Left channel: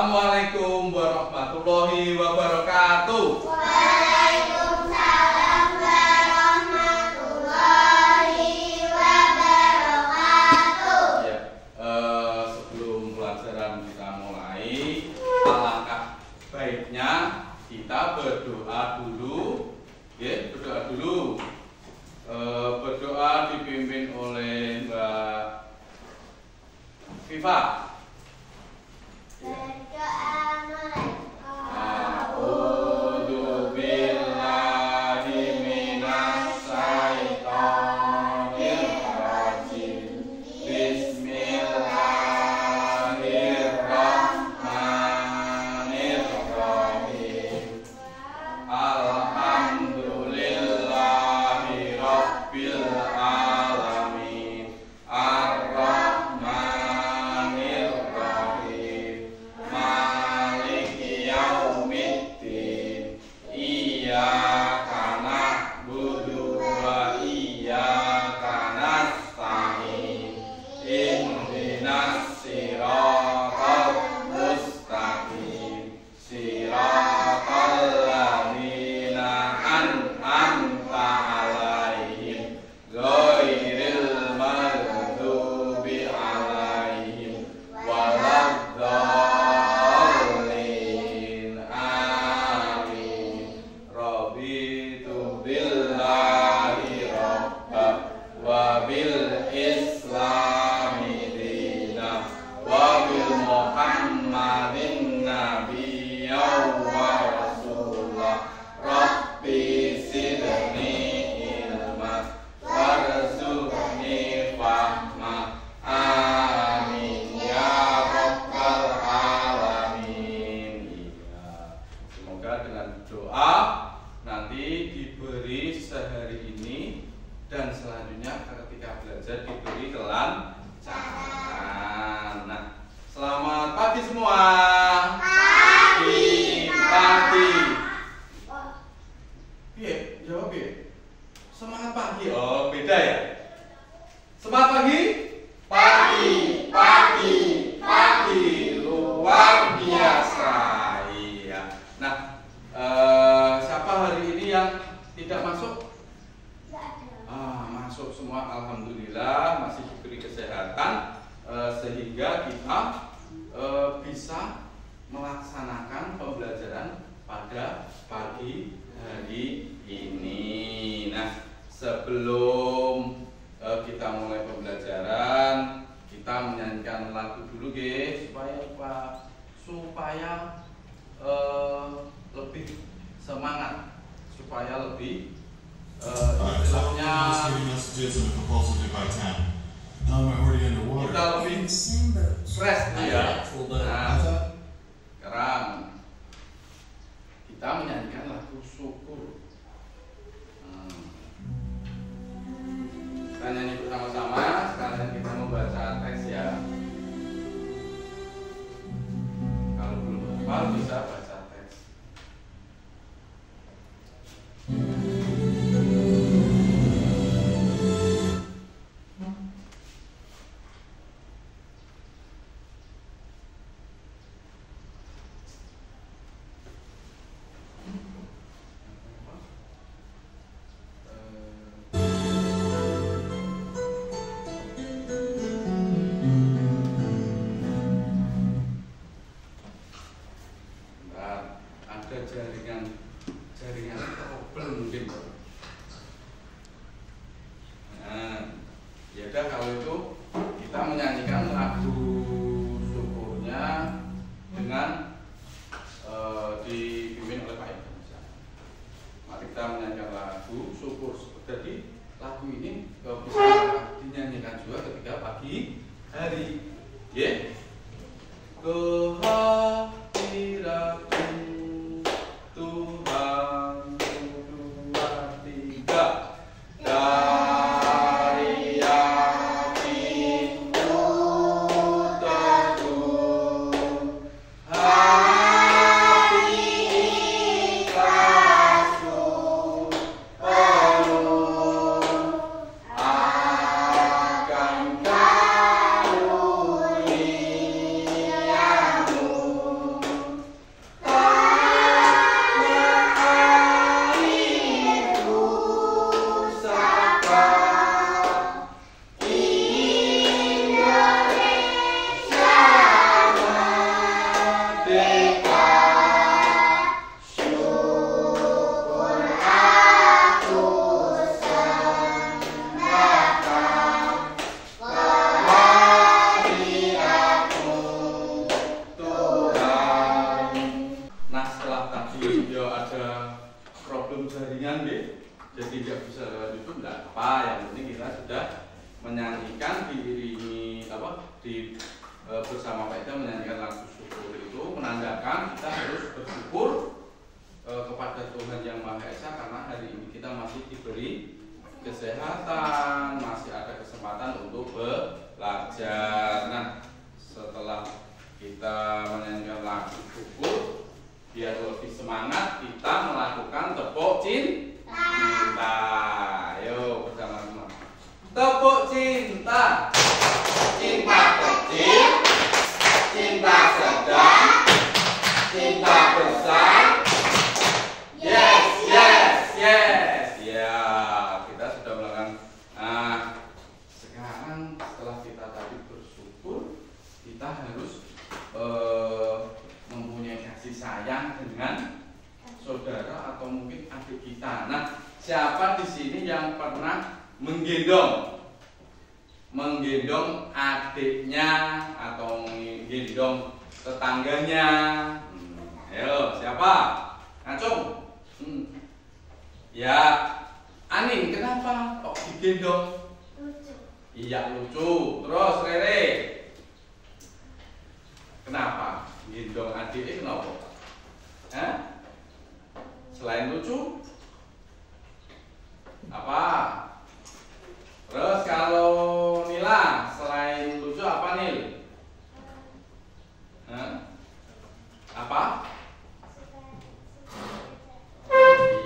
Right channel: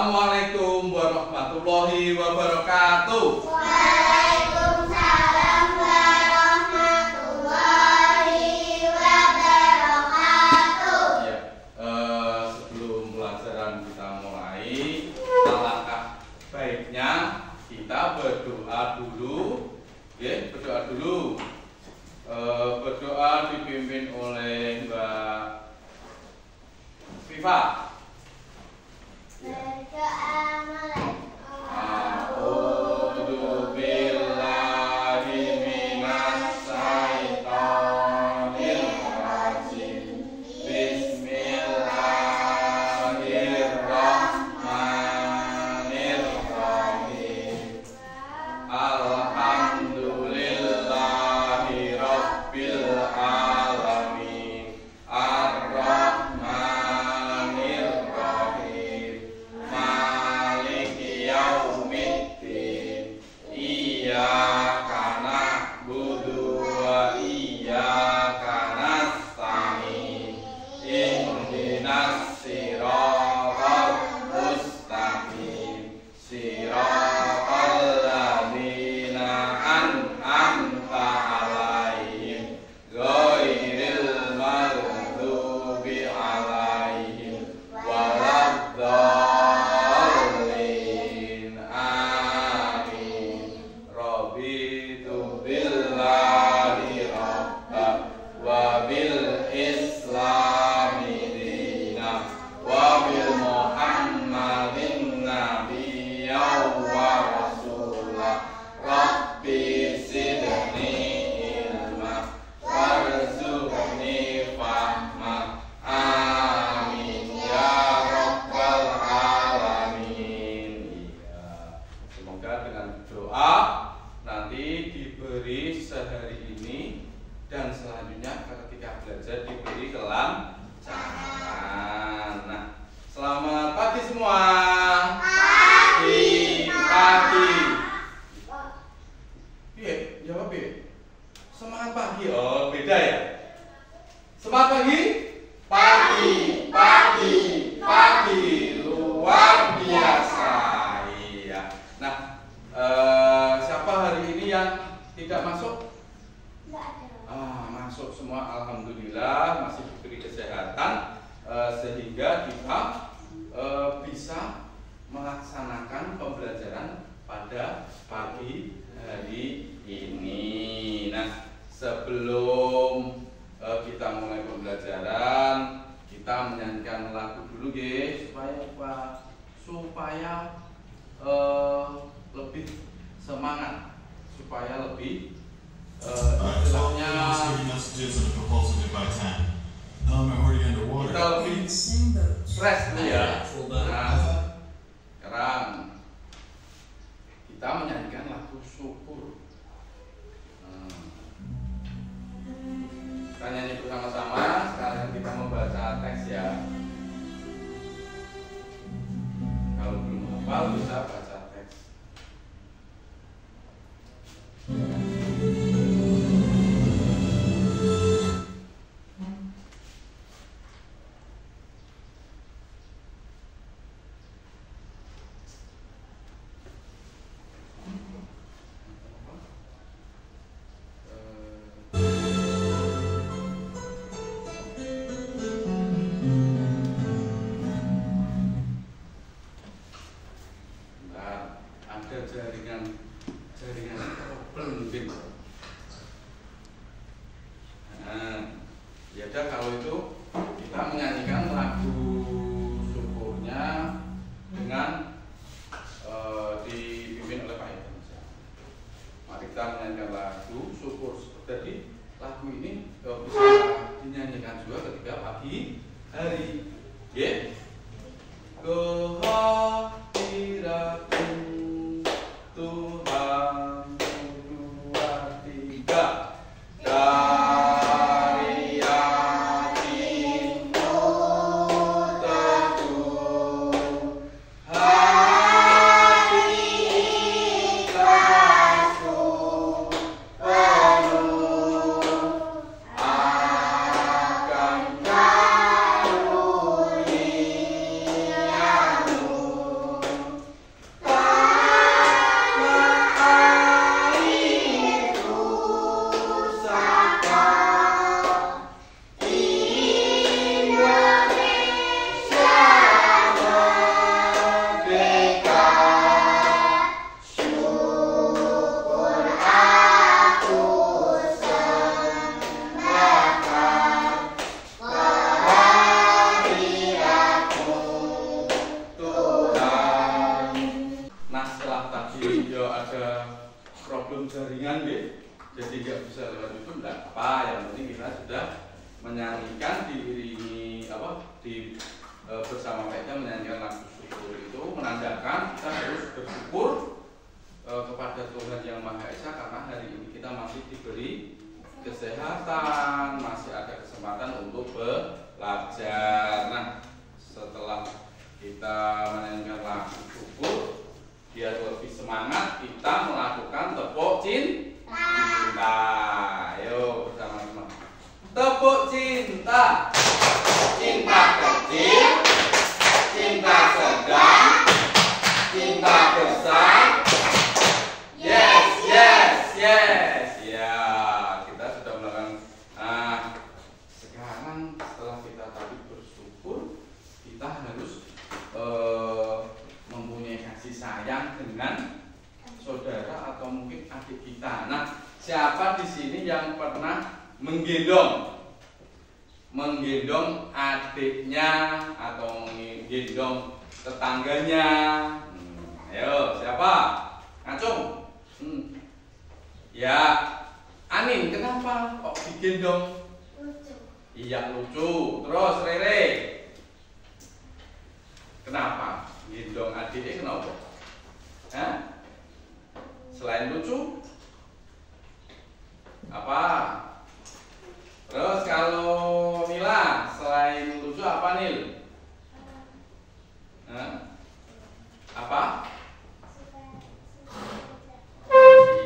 Assalamualaikum warahmatullahi wabarakatuh. Waalaikumsalam warahmatullahi wabarakatuh. Ya, sebelum pelajaran kita mulai, alangkah baiknya kita berdoa dulu. Ya, berdoa dulu. Berdoa dipimpin oleh Mbak Viva. Berdoa mulai. A'udzu billahi minas syaitonir rajim. Bismillahirrahmanirrahim. Alhamdulillahi rabbil alamin. Ar-Rahmanir Rahim. Maliki yaumiddin. Iyyaka na'budu wa iyyaka nasta'in. Ihdinas siratal mustaqim. Siratal ladzina an'amta 'alaihim ghairil maghdubi 'alaihim waladdallin. Amin. Raditu billahi rabban wa bil islami dinan wa bil muhammadin nabiyyan wa rasulah. Rabbi zidni ilma warzuqni fahma. Amin ya rabbal alamin. Iya. Semoga dengan doa nanti diberi sehari ini dan selanjutnya ketika belajar diberi kelancaran. Nah, selamat pagi semua. Pagi. Iya, jawab ya. Semangat pagi. Oh, beda ya. Semangat pagi. Pagi. Luar biasa. Iya. Nah, siapa hari ini yang tidak masuk? Masuk semua, alhamdulillah, masih diberi kesehatan sehingga kita bisa melaksanakan pembelajaran pada pagi hari ini. Nah, sebelum kita mulai pembelajaran, kita menyanyikan lagu dulu, guys, supaya lebih semangat, supaya lebih istilahnya kita lebih fresh dulu ya. Nah, sekarang kita menyanyikan lagu syukur. Kita nyanyi bersama-sama, sekalian kita membaca teks ya. Kalau belum hafal bisa baca teks. Ada jaringan trouble mungkin. Ya udah, kalau itu kita menyanyikan lagu syukurnya dengan dipimpin oleh Pak Ibu. Mari kita menyanyikan lagu syukur. Jadi lagu ini bisa dinyanyikan juga ketika pagi hari. Ya. Kehadiratmu Tuhan, 1, 2, 3. Dari yakinmu teduh, hati ikhlasku penuh akan karuniamu. problem jaringan deh, jadi nggak bisa lewat YouTube, nggak apa, yang penting kita sudah menyanyikan diiringi bersama kita menyanyikan lagu syukur. Itu menandakan kita harus bersyukur kepada Tuhan Yang Maha Esa karena hari ini kita masih diberi kesehatan, masih ada kesempatan untuk belajar. Nah, setelah kita menyanyikan lagu syukur, biar lebih semangat kita melakukan tepuk cinta. Ayo bersama-sama. Tepuk cinta. Cinta kecil, cinta sedang, cinta besar. Yes, yes, yes. Ya, kita sudah melakukan. Nah, sekarang setelah kita tadi bersyukur, kita harus mempunyai kasih sayang dengan saudara atau mungkin adik kita. Nah, siapa di sini yang pernah menggendong adiknya atau menggendong tetangganya? Ayo, siapa? Ngacung. Ya, Anin, kenapa kok digendong? Lucu. Iya, lucu. Terus Rere, kenapa gendong adiknya? Kenapa? Hah? Selain lucu, apa? Terus kalau Nila, selain lucu apa Nil? Hah? Apa?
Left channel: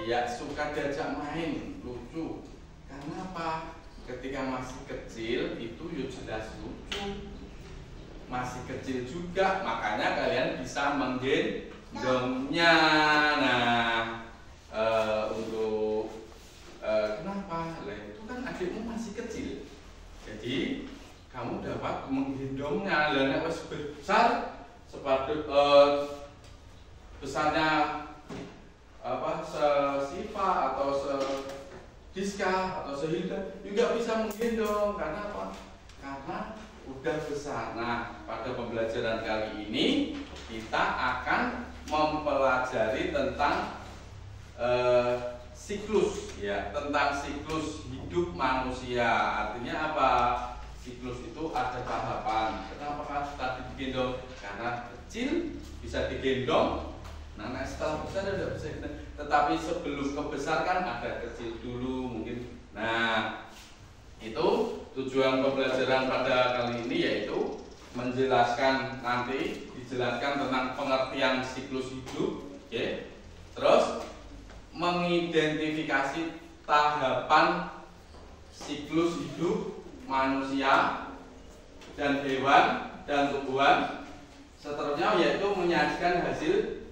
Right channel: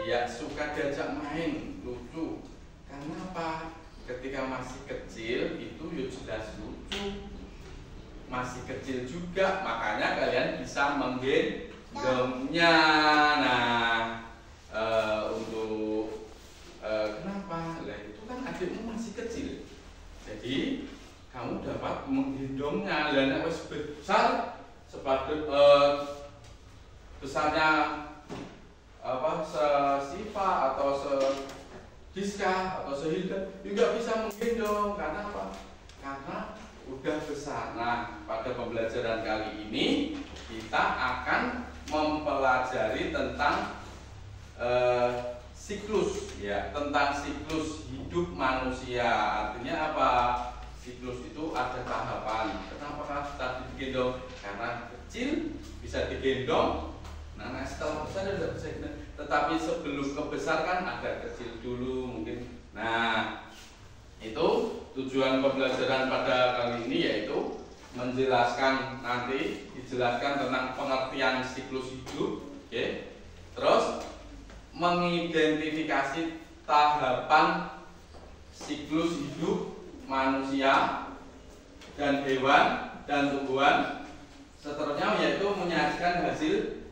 Iya, suka diajak main, lucu. Karena apa? Ketika masih kecil itu ya jelas lucu. Masih kecil juga, makanya kalian bisa menggendongnya. Nah, untuk kenapa? Lah itu kan adikmu masih kecil, jadi kamu dapat menggendongnya. Dan nek wis besar sepatu besarnya Sesifa atau Diska atau Sehilda juga bisa menggendong. Karena apa? Karena udah besar. Nah, pada pembelajaran kali ini kita akan mempelajari tentang siklus, ya, tentang siklus hidup manusia. Artinya apa? Siklus itu ada tahapan. Kenapa tadi digendong? Karena kecil bisa digendong. Nah, setelah besar udah bisa kita. Tetapi sebelum kebesar kan ada kecil dulu mungkin. Nah, itu tujuan pembelajaran pada kali ini, yaitu menjelaskan, nanti dijelaskan tentang pengertian siklus hidup, oke? Terus mengidentifikasi tahapan siklus hidup manusia dan hewan dan tumbuhan. Seterusnya yaitu menyajikan hasil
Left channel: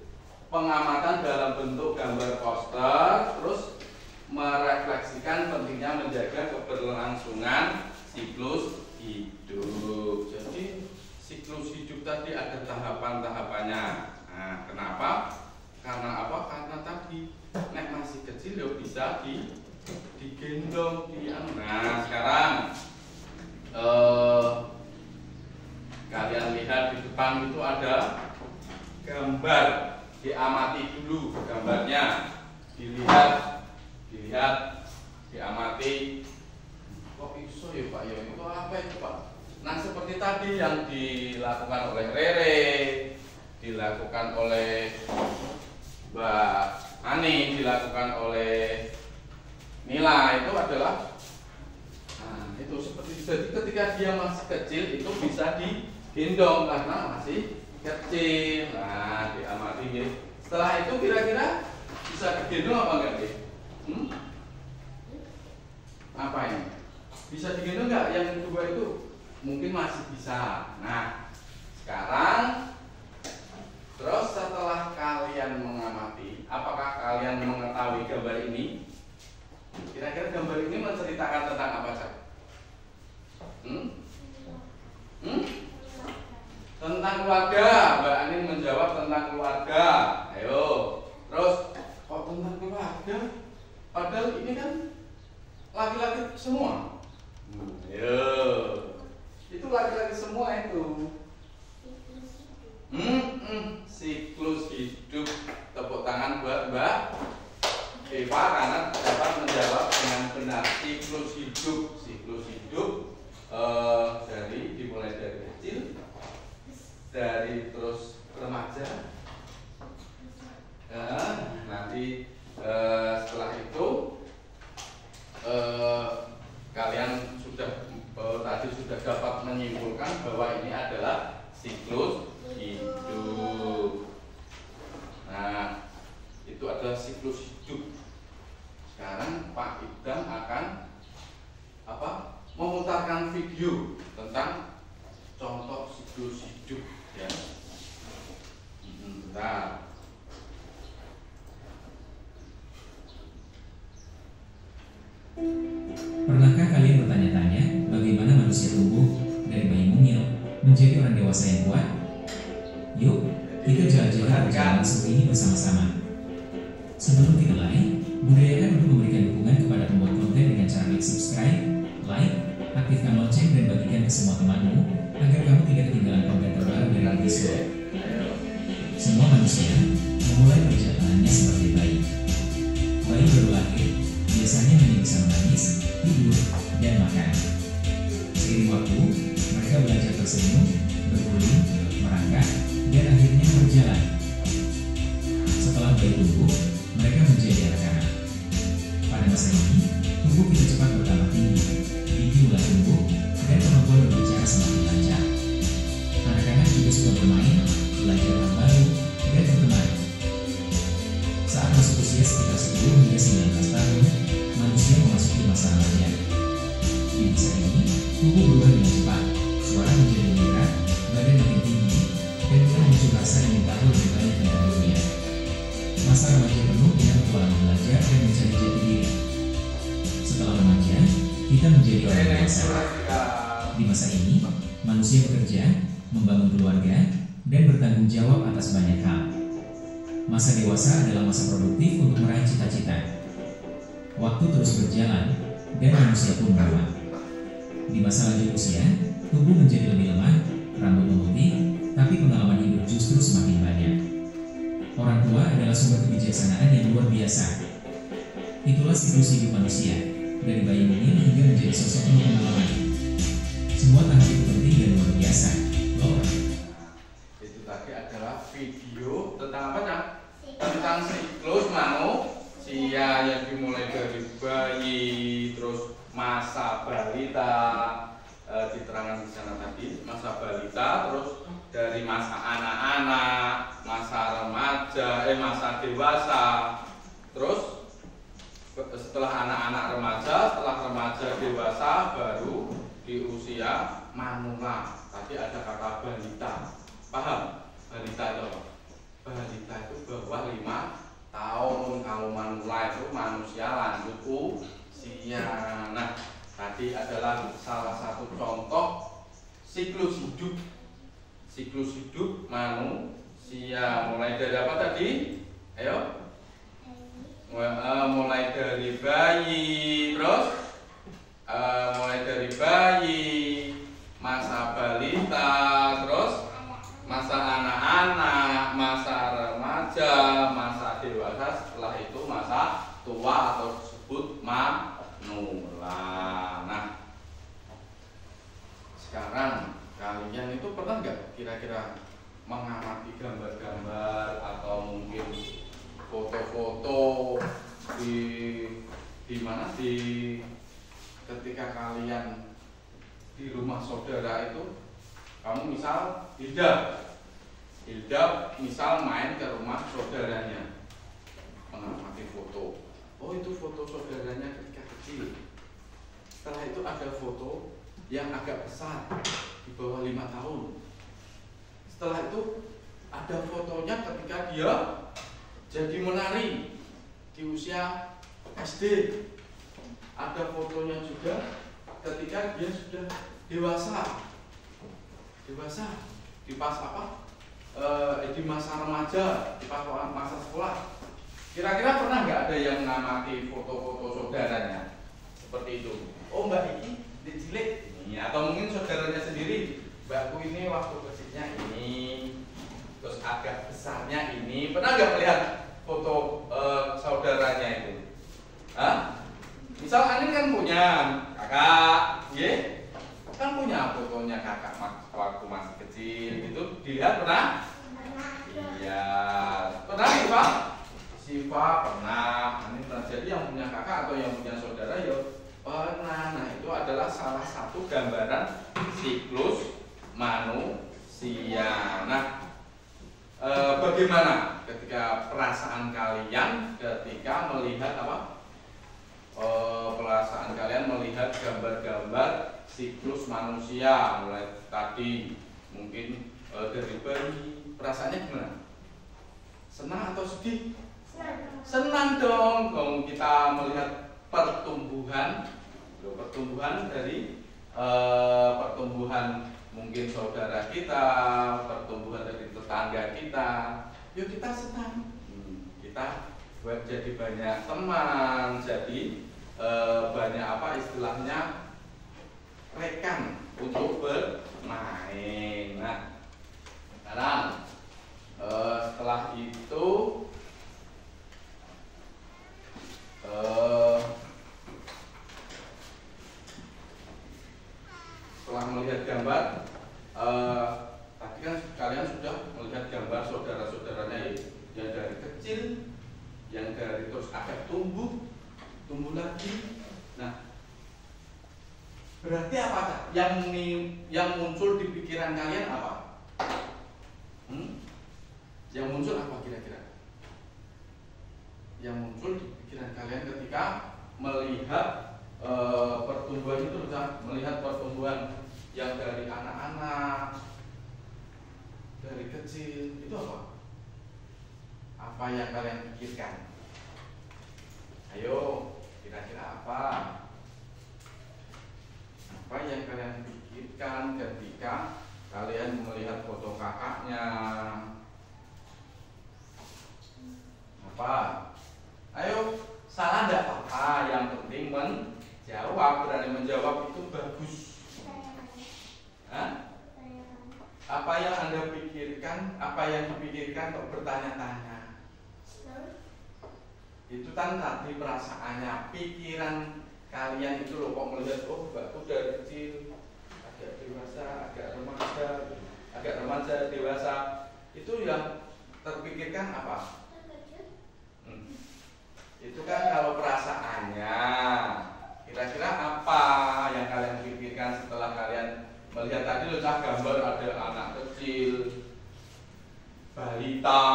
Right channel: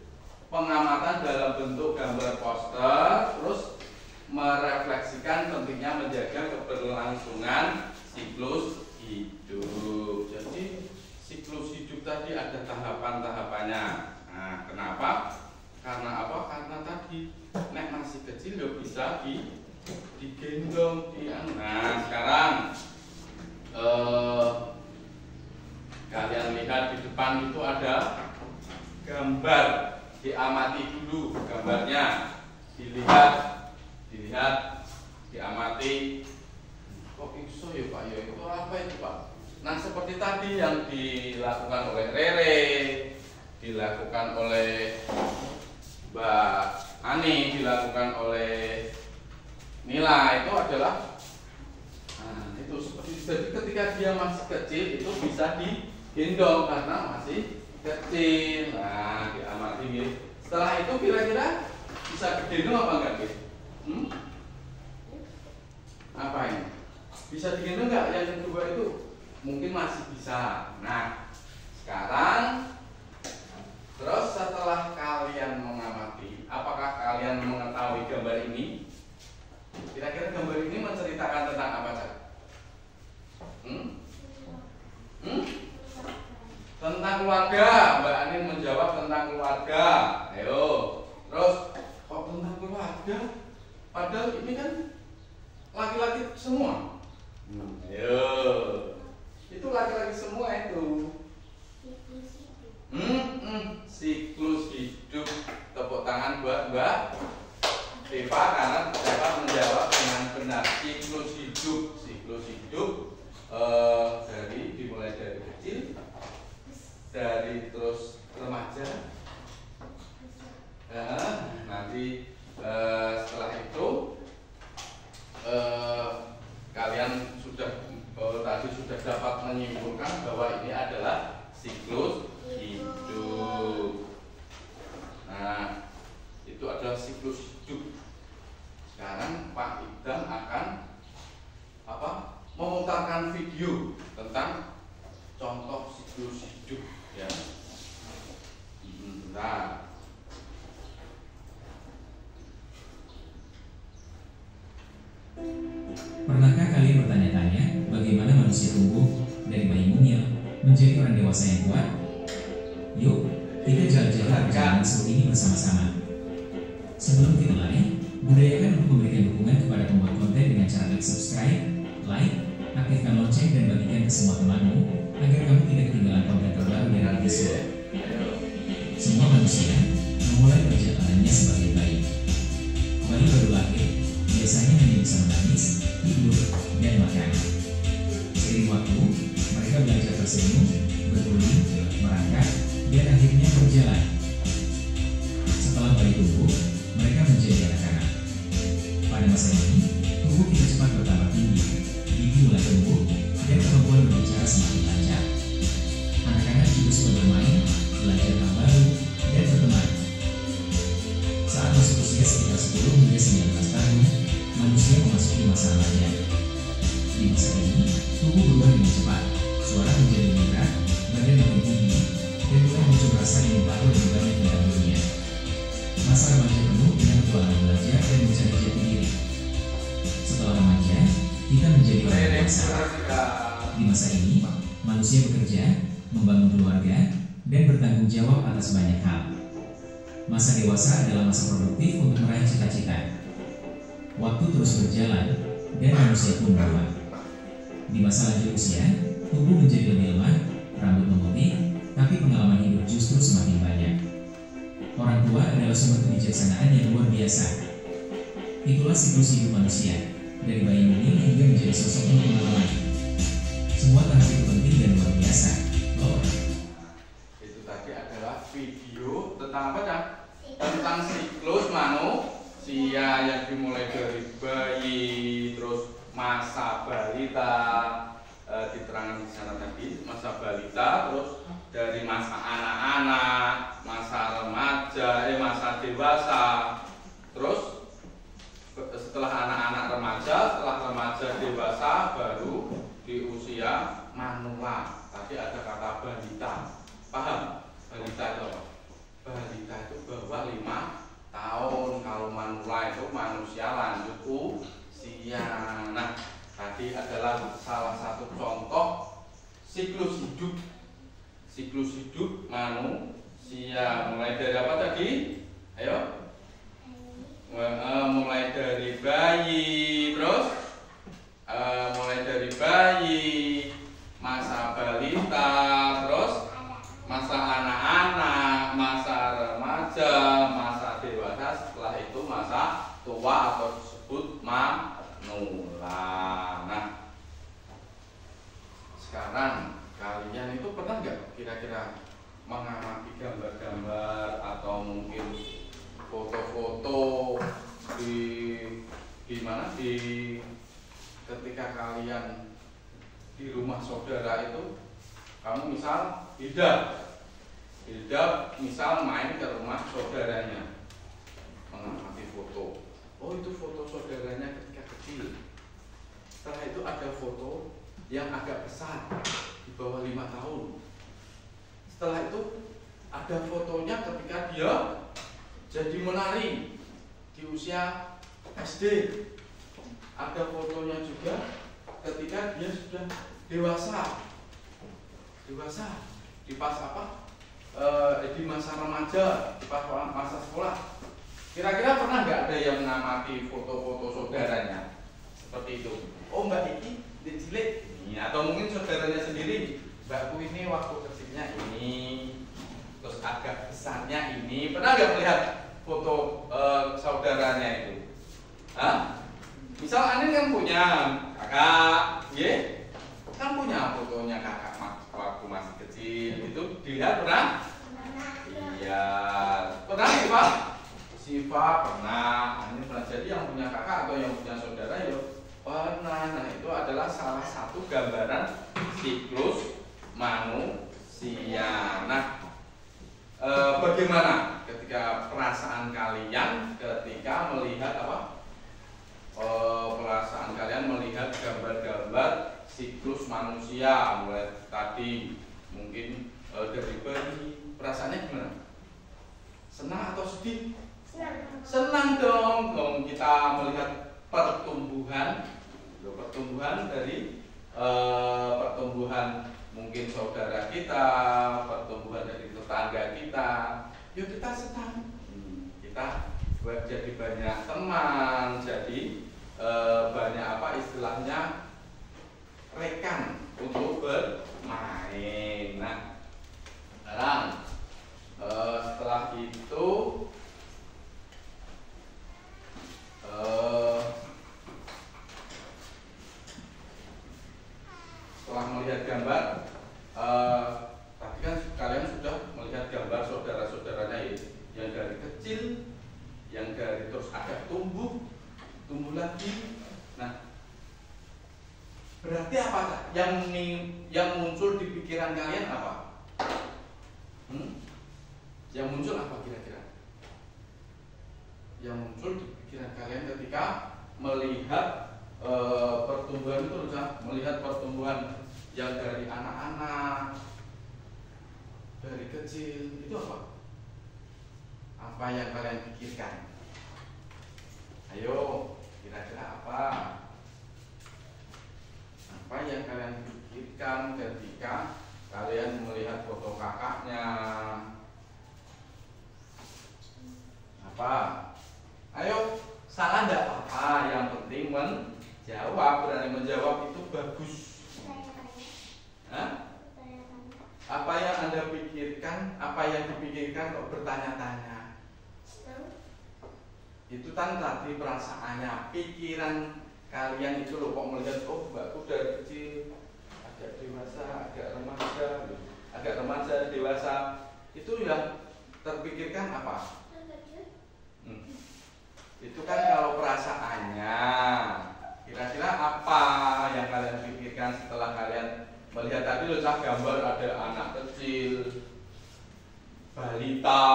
pengamatan dalam bentuk gambar poster, terus merefleksikan pentingnya menjaga keberlangsungan siklus hidup. Jadi siklus hidup tadi ada tahapan-tahapannya. Nah, kenapa? Karena apa? Karena tadi nek masih kecil ya bisa digendong. Nah, sekarang kalian lihat di depan itu ada gambar. Diamati dulu gambarnya, dilihat, diamati. Kok iso ya Pak? Ya itu apa itu Pak? Nah, seperti tadi yang dilakukan oleh Rere, dilakukan oleh Mbak Ani, dilakukan oleh Nila, itu adalah itu seperti itu. Jadi ketika dia masih kecil itu bisa digendong karena masih kecil. Nah, diamati ya. Setelah itu kira-kira bisa digendong apa enggak? Apa ini? Bisa digendong enggak? Yang kedua itu mungkin masih bisa. Nah, sekarang terus setelah kalian mengamati, apakah kalian mengetahui gambar ini? Kira-kira gambar ini menceritakan tentang apa saja? Tentang keluarga. Mbak Ani menjawab tentang keluarga. Ayo. Terus kok tentang keluarga? Padahal ini kan laki-laki semua. Ayo. Itu laki-laki semua itu. Siklus hidup. Tepuk tangan buat Mbak ada siklus hidup. Sekarang Pak Idam akan memutarkan video tentang contoh siklus hidup ya. Bentar. Pernahkah kalian bertanya-tanya bagaimana manusia tumbuh dari bayi mungil menjadi orang dewasa yang kuat? Yuk, kita jalan-jalan perjalanan seru ini bersama-sama. Sebelum kita mulai, budayakan untuk memberikan dukungan kepada pembuat konten dengan cara klik subscribe, like, aktifkan lonceng dan bagikan ke semua temanmu agar kamu tidak ketinggalan konten terbaru dari Visual. Semua manusia memulai perjalanannya sebagai bayi. Bayi baru lahir biasanya hanya bisa menangis, tidur, dan makan. Seiring waktu, mereka belajar tersenyum, berguling, merangkak, dan akhirnya berjalan. Setelah bayi tumbuh, mereka menjadi anak-anak. Pada masa ini, tubuh kita cepat bertambah tinggi, gigi mulai tumbuh, dan kemampuan berbicara semakin lancar. Anak-anak juga suka bermain, belajar hal baru, dan berteman. Saat masuk usia sekitar 10 hingga 19 tahun, manusia memasuki masa remaja. Di masa ini, tubuh berubah dengan cepat, suara menjadi lebih berat, badan makin tinggi, dan mulai muncul rasa ingin tahu lebih banyak tentang dunia. Masa remaja penuh dengan petualangan belajar dan mencari jati diri. Setelah remaja, kita menjadi orang dewasa. Di masa ini, manusia bekerja, membangun keluarga, dan bertanggung jawab atas banyak hal. Masa dewasa adalah masa produktif untuk meraih cita-cita. Waktu terus berjalan, dan manusia pun berubah. Di masa lanjut usia, tubuh menjadi lebih lemah, rambut memutih, tapi pengalaman hidup justru semakin banyak. Orang tua adalah sumber kebijaksanaan yang luar biasa. Itulah siklus hidup manusia, dari bayi mungil hingga menjadi sosok penuh pengalaman. Semua tahap itu penting dan luar biasa. Itu tadi adalah video tentang apa kan? Tentang siklus manusia yang dimulai dari bayi, terus masa balita, diterangkan di sana tadi, masa balita, terus dari masa anak-anak, masa remaja, masa dewasa, terus setelah anak-anak remaja, setelah remaja dewasa, baru di usia manula. Tadi ada kata balita, paham? Balita itu apa? Balita itu bawah 5 tahun. Kalau manula itu manusia lanjut usia. Nah, tadi adalah salah satu contoh siklus hidup. Siklus hidup manusia mulai dari apa tadi? Ayo. Mulai dari bayi, terus mulai dari bayi, masa balita, terus masa anak-anak, masa remaja, masa dewasa, setelah itu masa tua atau disebut manula. Nah, sekarang kalian itu pernah nggak kira-kira mengamati gambar-gambar atau mungkin foto-foto di mana ketika kalian di rumah saudara itu, kamu misal Hilda misal main ke rumah saudaranya, mengamati foto. Oh, itu foto saudaranya ketika kecil. Setelah itu ada foto yang agak besar di bawah 5 tahun. Setelah itu ada fotonya ketika dia jadi menari di usia SD. Ada fotonya juga ketika dia sudah dewasa di pas di masa remaja, di pas masa sekolah. Kira-kira pernah nggak ada yang mengamati foto-foto saudaranya seperti itu? Oh, Mbak ini cilik ini, atau mungkin saudaranya sendiri, Mbakku ini waktu kecilnya ini, terus agak besarnya ini. Pernah nggak melihat foto saudaranya itu? Hah? Misal Anin kan punya kakak, kan punya fotonya kakak waktu masih kecil, itu dilihat pernah? Iya, pernah nih Pak? Siva pernah, Anin pernah. Jadi yang punya kakak atau yang punya saudara ya pernah. Nah, itu adalah salah satu gambaran siklus manusia. Nah, bagaimana ketika perasaan kalian ketika melihat apa? Perasaan kalian melihat gambar-gambar siklus manusia mulai tadi mungkin dari bayi, perasaannya gimana? Senang atau sedih? Senang dong, kalau kita melihat pertumbuhan dari pertumbuhan mungkin saudara kita, pertumbuhan dari tetangga kita, yuk kita senang. Kita jadi banyak teman, jadi banyak apa istilahnya rekan untuk bermain. Nah, sekarang setelah itu setelah melihat gambar, tadi kan kalian sudah melihat gambar saudara-saudaranya yang dari kecil, yang dari terus ada tumbuh lagi. Nah, berarti apa yang muncul di pikiran kalian apa? Yang muncul apa kira-kira? Yang muncul di pikiran kalian ketika melihat pertumbuhan itu, melihat pertumbuhan yang dari anak-anak, dari kecil, itu apa? Apa yang kalian pikirkan? Ayo, kira-kira apa? Apa yang kalian pikirkan ketika kalian melihat foto kakaknya? Apa? Ayo, salah enggak apa-apa, yang penting menjawab, berani menjawab itu bagus. Hah? Apa yang Anda pikirkan, apa yang dipikirkan kok bertanya-tanya? Itu kan tadi perasaannya, pikiran kalian itu loh, kok melihat mbakku dari kecil, agak dewasa, agak remaja, dewasa, itu yang terpikirkan apa? Itu kan kalau perasaannya. Kira-kira apa yang kalian pikirkan setelah kalian melihat tadi loh, gambar ada anak kecil, balita,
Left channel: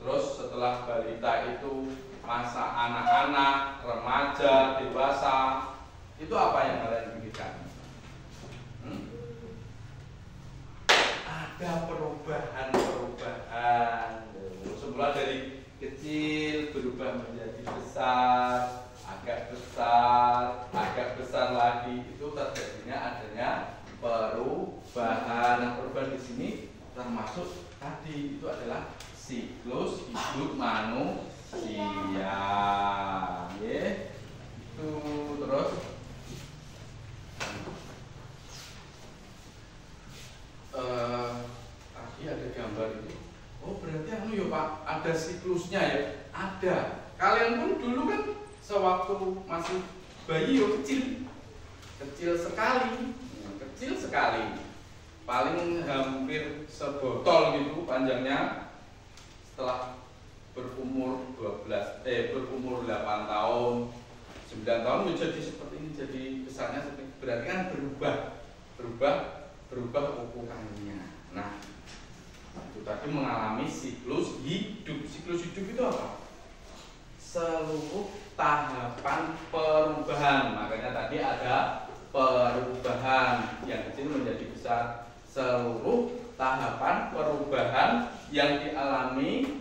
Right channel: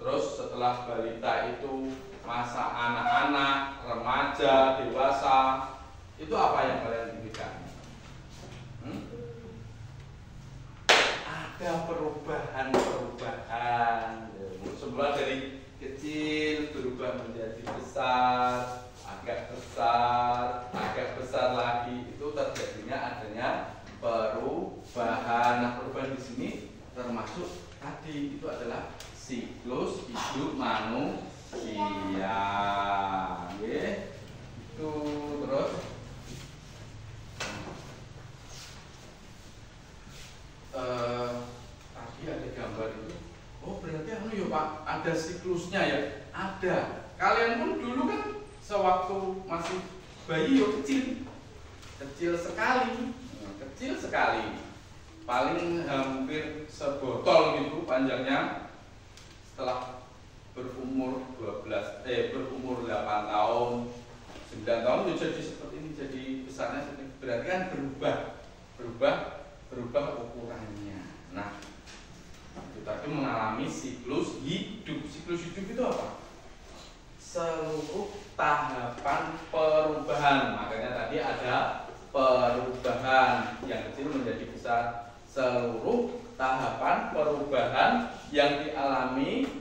terus setelah balita itu masa anak-anak, remaja, dewasa, itu apa yang kalian pikirkan? Ada perubahan. Semula dari kecil berubah menjadi besar, agak besar lagi, itu terjadinya adanya perubahan. Nah, perubahan di sini termasuk tadi itu adalah siklus hidup manusia. Itu terus tadi ada gambar itu. Oh, berarti ya Pak, ada siklusnya ya? Ada. Kalian pun dulu kan sewaktu masih bayi kecil sekali, paling hampir sebotol gitu panjangnya. Setelah berumur 8 tahun, 9 tahun ya jadi seperti ini, jadi besarnya berarti kan berubah ukurannya. Nah, itu tadi mengalami siklus hidup. Siklus hidup itu apa? Seluruh tahapan perubahan. Makanya tadi ada perubahan yang kecil menjadi besar. Seluruh tahapan perubahan yang dialami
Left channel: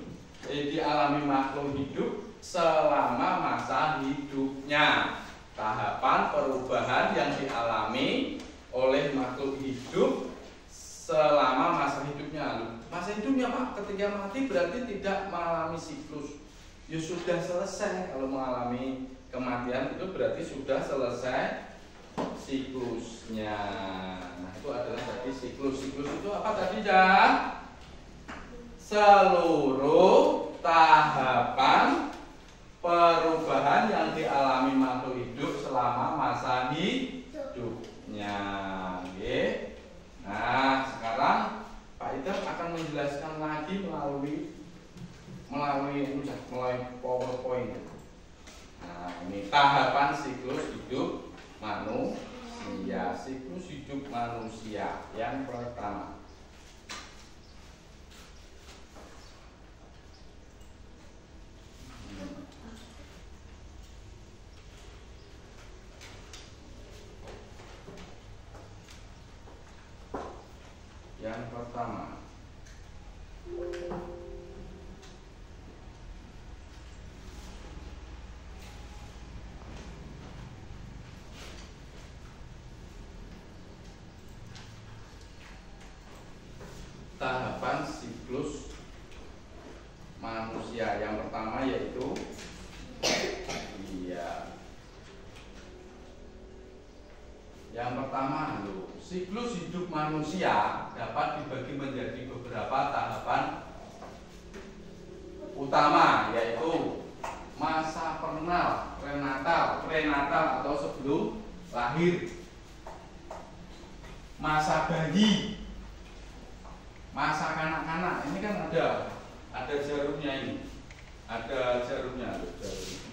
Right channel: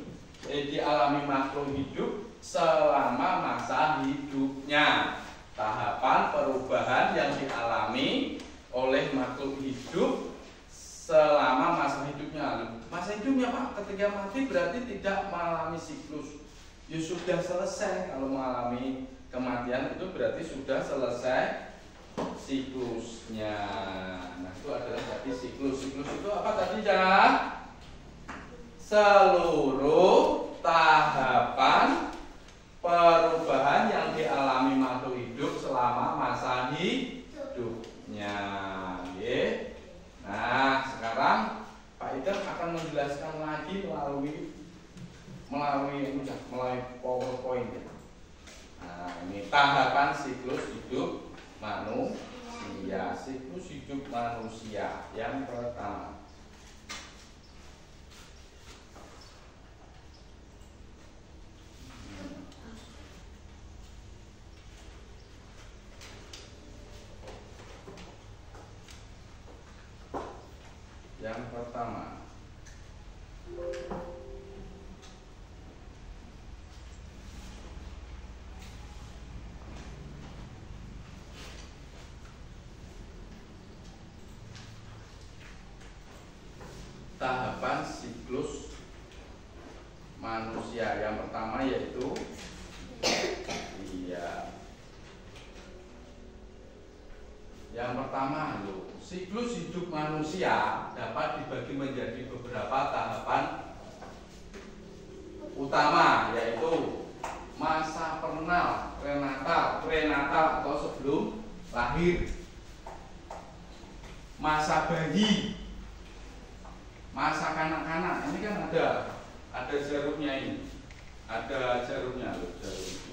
makhluk hidup selama masa hidupnya. Tahapan perubahan yang dialami oleh makhluk hidup selama masa hidupnya. Masa hidupnya Pak, ketika mati berarti tidak mengalami siklus. Ya sudah selesai. Kalau mengalami kematian itu berarti sudah selesai siklusnya. Nah, itu adalah tadi siklus. Siklus itu apa tadi, Jan? Seluruh tahapan perubahan yang dialami makhluk hidup selama masa hidupnya. Nah, sekarang Pak Iter akan menjelaskan lagi melalui PowerPoint. Nah, ini tahapan siklus hidup manusia. Siklus hidup manusia yang pertama. yang pertama. Tahapan siklus manusia yang pertama yaitu yang pertama siklus hidup manusia dapat dibagi menjadi beberapa tahapan utama, yaitu masa prenatal atau sebelum lahir, masa bayi, masa kanak-kanak. Ini kan ada jarumnya ini, ada jarumnya loh,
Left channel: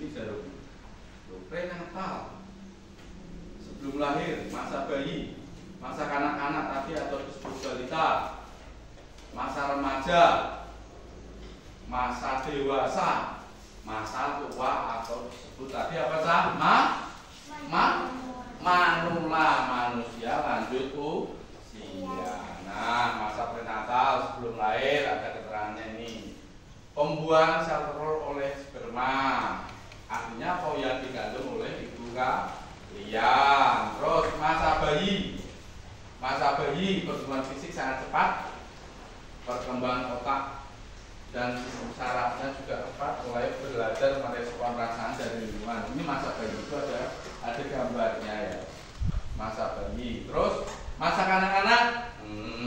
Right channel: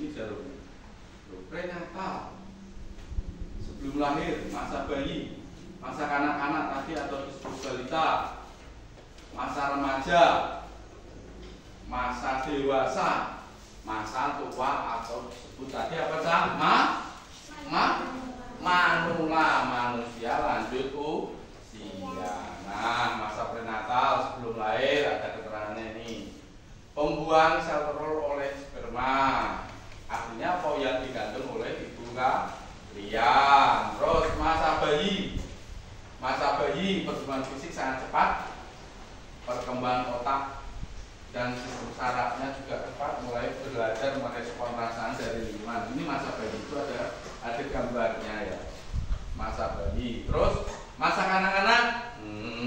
ini jarumnya. Prenatal sebelum lahir, masa bayi, masa kanak-kanak tadi atau disebut balita, masa remaja, masa dewasa, masa tua atau disebut tadi apa sah? Manula, manusia lanjut usia. Nah, masa prenatal sebelum lahir ada keterangannya ini. Pembuahan sel telur oleh sperma, artinya apa yang dikandung oleh ibu kalian. Terus masa bayi pertumbuhan fisik sangat cepat, perkembangan otak dan sistem sarafnya juga cepat, mulai belajar merespon perasaan dari lingkungan. Ini masa bayi itu ada gambarnya ya, masa bayi. Terus masa kanak-kanak,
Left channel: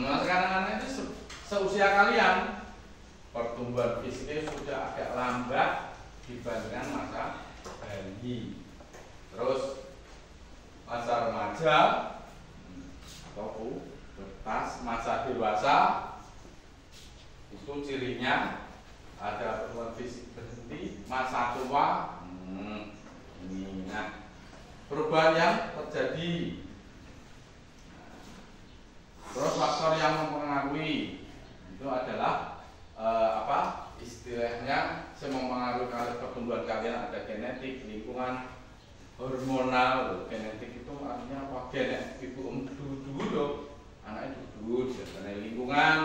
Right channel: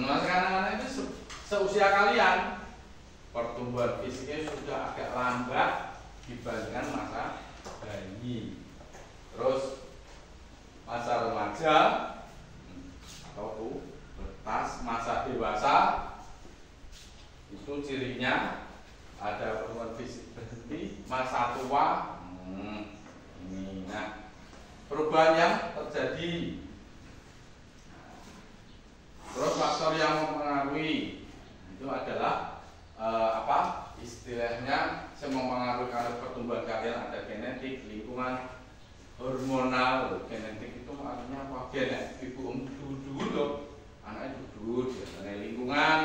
masa kanak-kanak itu seusia kalian, pertumbuhan fisiknya sudah agak lambat dibandingkan masa bayi. Terus masa remaja atau pubertas, masa dewasa itu cirinya ada pertumbuhan fisik berhenti, masa tua ini. Nah, perubahan yang terjadi. Terus faktor yang mempengaruhi itu adalah istilahnya yang mempengaruhi pertumbuhan kalian ada genetik, lingkungan, hormonal. Genetik itu artinya apa? Genetik ibu dulu anaknya duduk, karena lingkungan,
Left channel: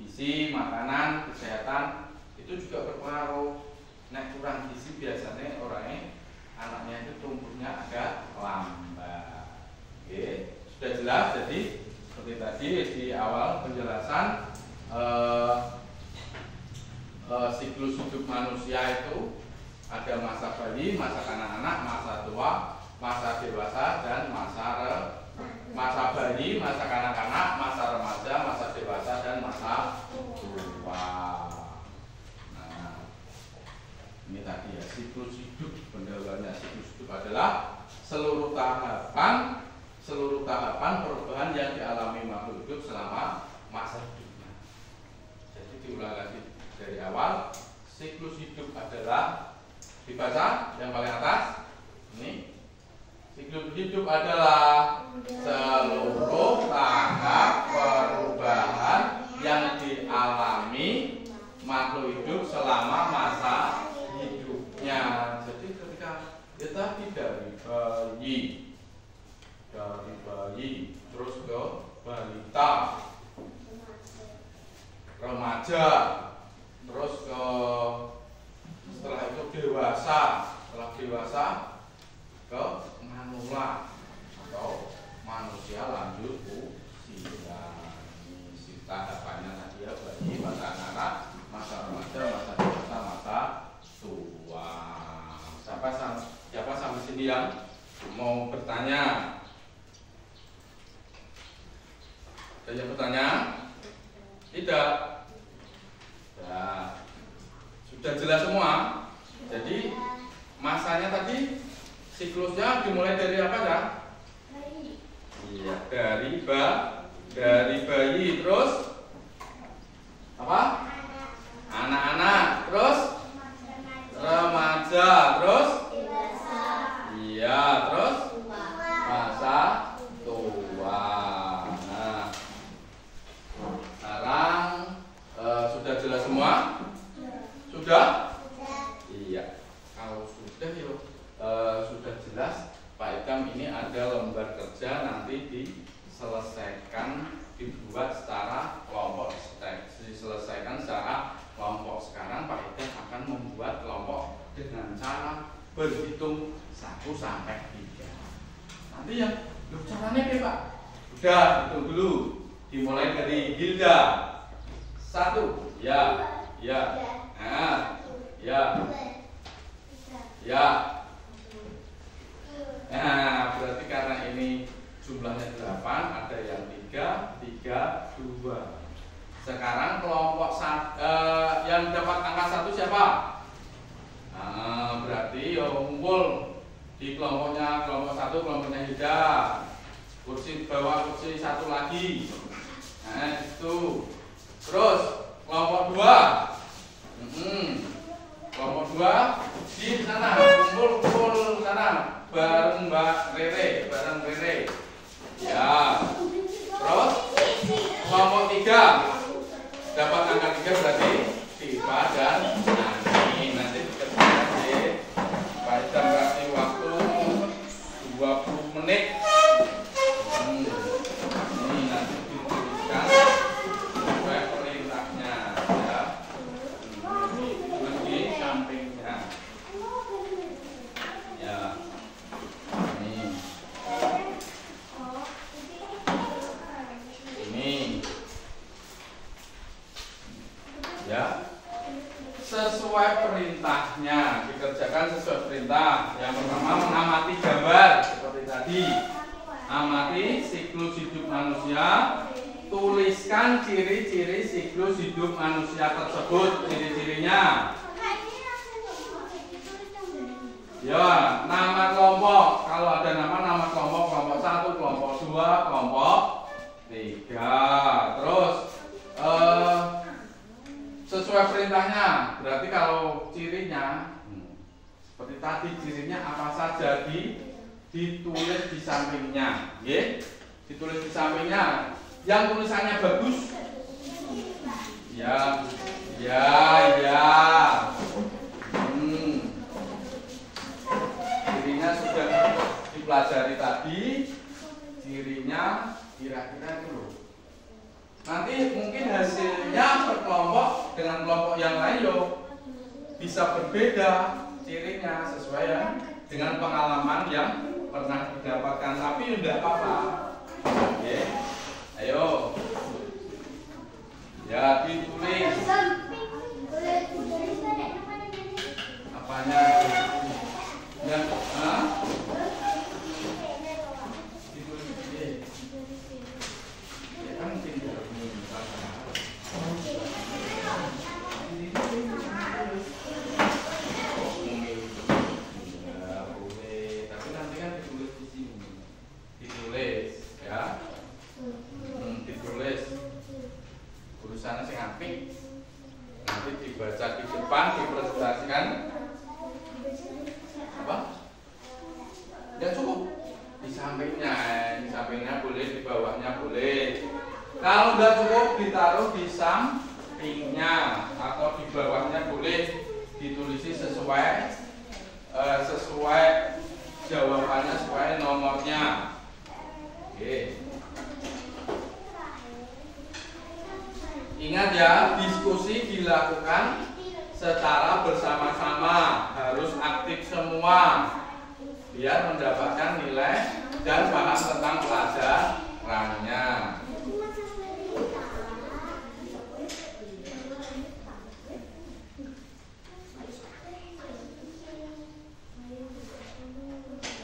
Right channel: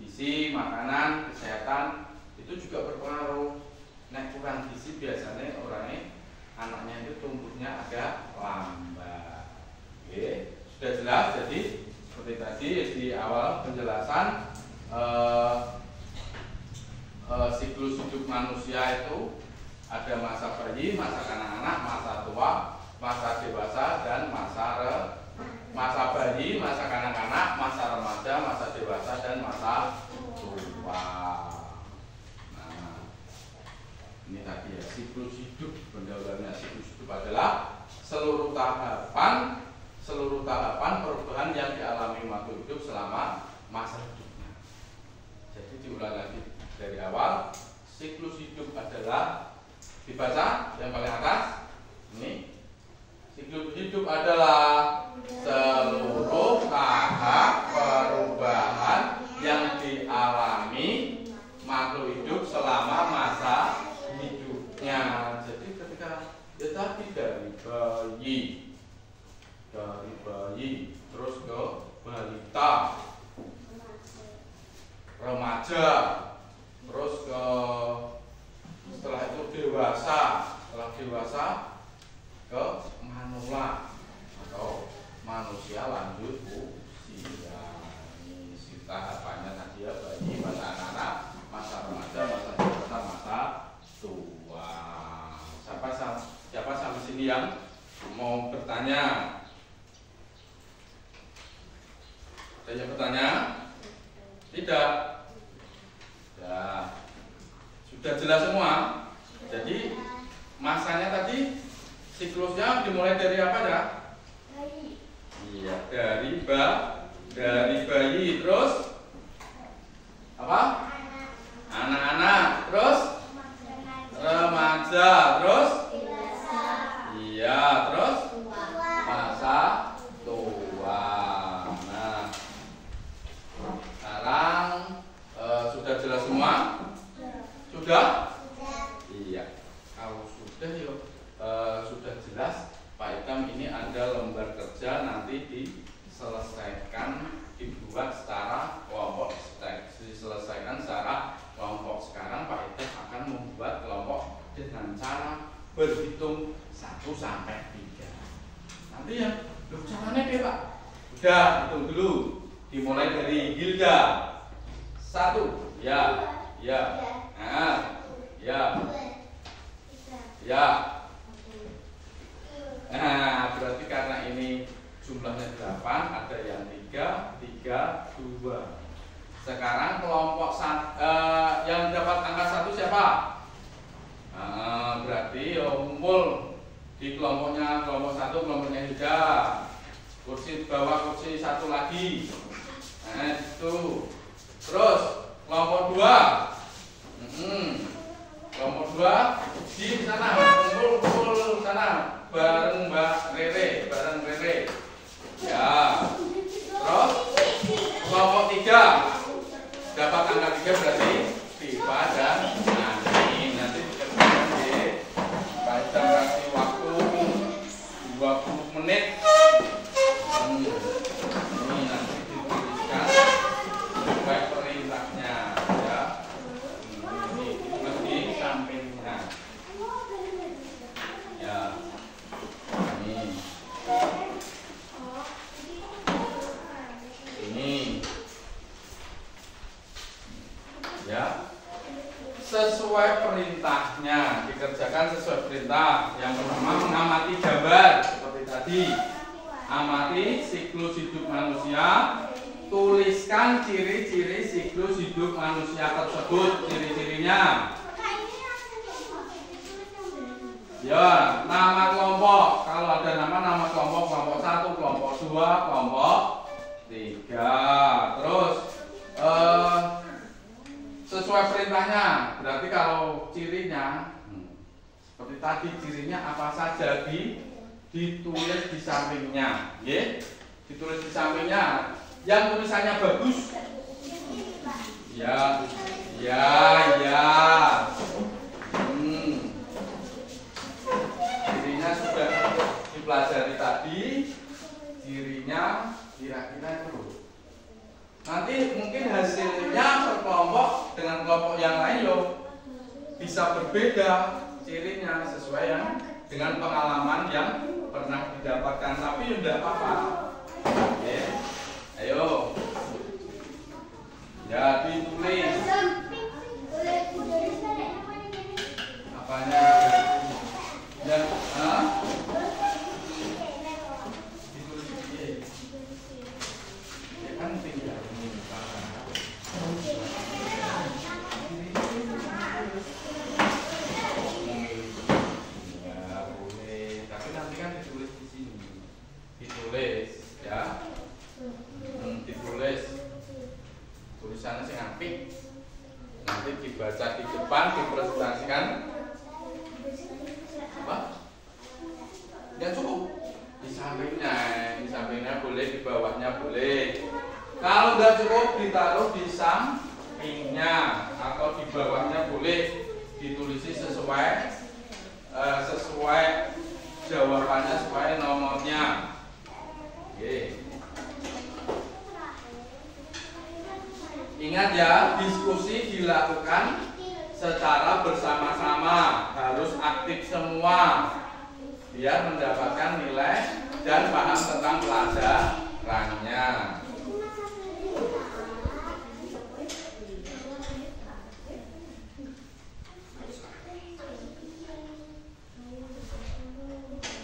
gizi, makanan, kesehatan itu juga berpengaruh. Nah, kurang gizi biasanya anaknya itu tumbuhnya agak lambat. Oke, sudah jelas. Jadi seperti tadi di awal penjelasan siklus hidup manusia itu ada masa bayi, masa kanak-kanak, masa tua, masa dewasa, dan masa bayi, masa kanak-kanak, masa remaja, masa dewasa, dan masa tua. Nah, ini tadi ya siklus hidup. Pendahuluannya siklus hidup adalah seluruh tahapan perubahan yang dialami makhluk hidup selama masa hidupnya. Jadi diulang lagi dari awal. Siklus hidup adalah, dibaca yang paling atas ini, siklus hidup adalah seluruh tahap perubahan yang dialami makhluk hidup selama masa hidupnya. Jadi ketika ya tadi dari bayi terus ke balita, remaja, terus ke setelah itu dewasa, setelah dewasa ke manula atau manusia lanjut usia. Ini tahapannya tadi ya, bayi, masa anak-anak, masa remaja, masa dewasa, masa tua. Siapa sampai sini yang mau bertanya? Ada yang bertanya? Tidak? Ya, sudah jelas semua. Jadi masanya tadi siklusnya dimulai dari apa ya? Iya, dari bayi, terus apa? Anak-anak, terus remaja, terus iya, terus masa tua. Nah, sekarang sudah jelas semua? Sudah? Iya. Kalau sudah sudah jelas, Pak Ikam ini ada lembar kerja nanti diselesaikan, dibuat secara diselesaikan secara kelompok. Sekarang Pak Ida akan membuat kelompok dengan cara berhitung 1 sampai 3. Nanti yang caranya ya Pak? Udah, hitung dulu. Dimulai dari Hilda. 1, ya, ya, nah, ya, ya. Nah, berarti karena ini jumlahnya 8, ada yang 3, 3, 2. Sekarang kelompok yang dapat angka 1 siapa? Nah, berarti ngumpul di kelompok 1, kelompoknya Hilda. Kursi bawah kursi 1 lagi. Nah, itu. Terus kelompok 2. Kelompok 2 di sana, kumpul sana bareng Mbak Rere, Ya. Terus kelompok 3 dapat angka 3 berarti Tifa dan Nani. Nanti dikerjakan deh. Pak Ida kasih waktu 20 menit. Ini nanti dituliskan sesuai perintahnya ya. Ini sampingnya. Ya. Ini. Ya. Sesuai perintahnya, dikerjakan sesuai perintah. Yang pertama mengamati gambar seperti tadi. Amati siklus hidup manusia, tuliskan ciri-ciri siklus hidup manusia tersebut, ciri-cirinya. Ya, nama kelompok. Kalau ada nama kelompok, kelompok 1, kelompok 2, kelompok 3. Terus sesuai perintahnya. Berarti kalau cirinya seperti tadi, cirinya apa saja ditulis di sampingnya, ya, ditulis di sampingnya. Yang tulisannya bagus, ya. Cirinya sudah dipelajari tadi, cirinya kira-kira itu. Nanti mungkin hasilnya per kelompok dengan kelompok yang lain bisa berbeda cirinya sesuai dengan pengalaman yang pernah didapatkan, tapi tidak apa-apa. Oke, ayo, ya ditulis apanya yang ditulis ya kan tinggal ini misalkan. Tulisannya sing apik, nanti dibaca di depan, dipresentasikan apa? Ya cukup di sampingnya boleh, di bawahnya boleh. Kalau nggak cukup ditaruh di sampingnya atau di bawahnya boleh, ditulisi sesuai jawabannya, sesuai nomornya. Oke. Ingat ya, diskusi dilakukan secara bersama-sama, harus aktif semua biar mendapatkan nilai dan paham tentang pelajarannya.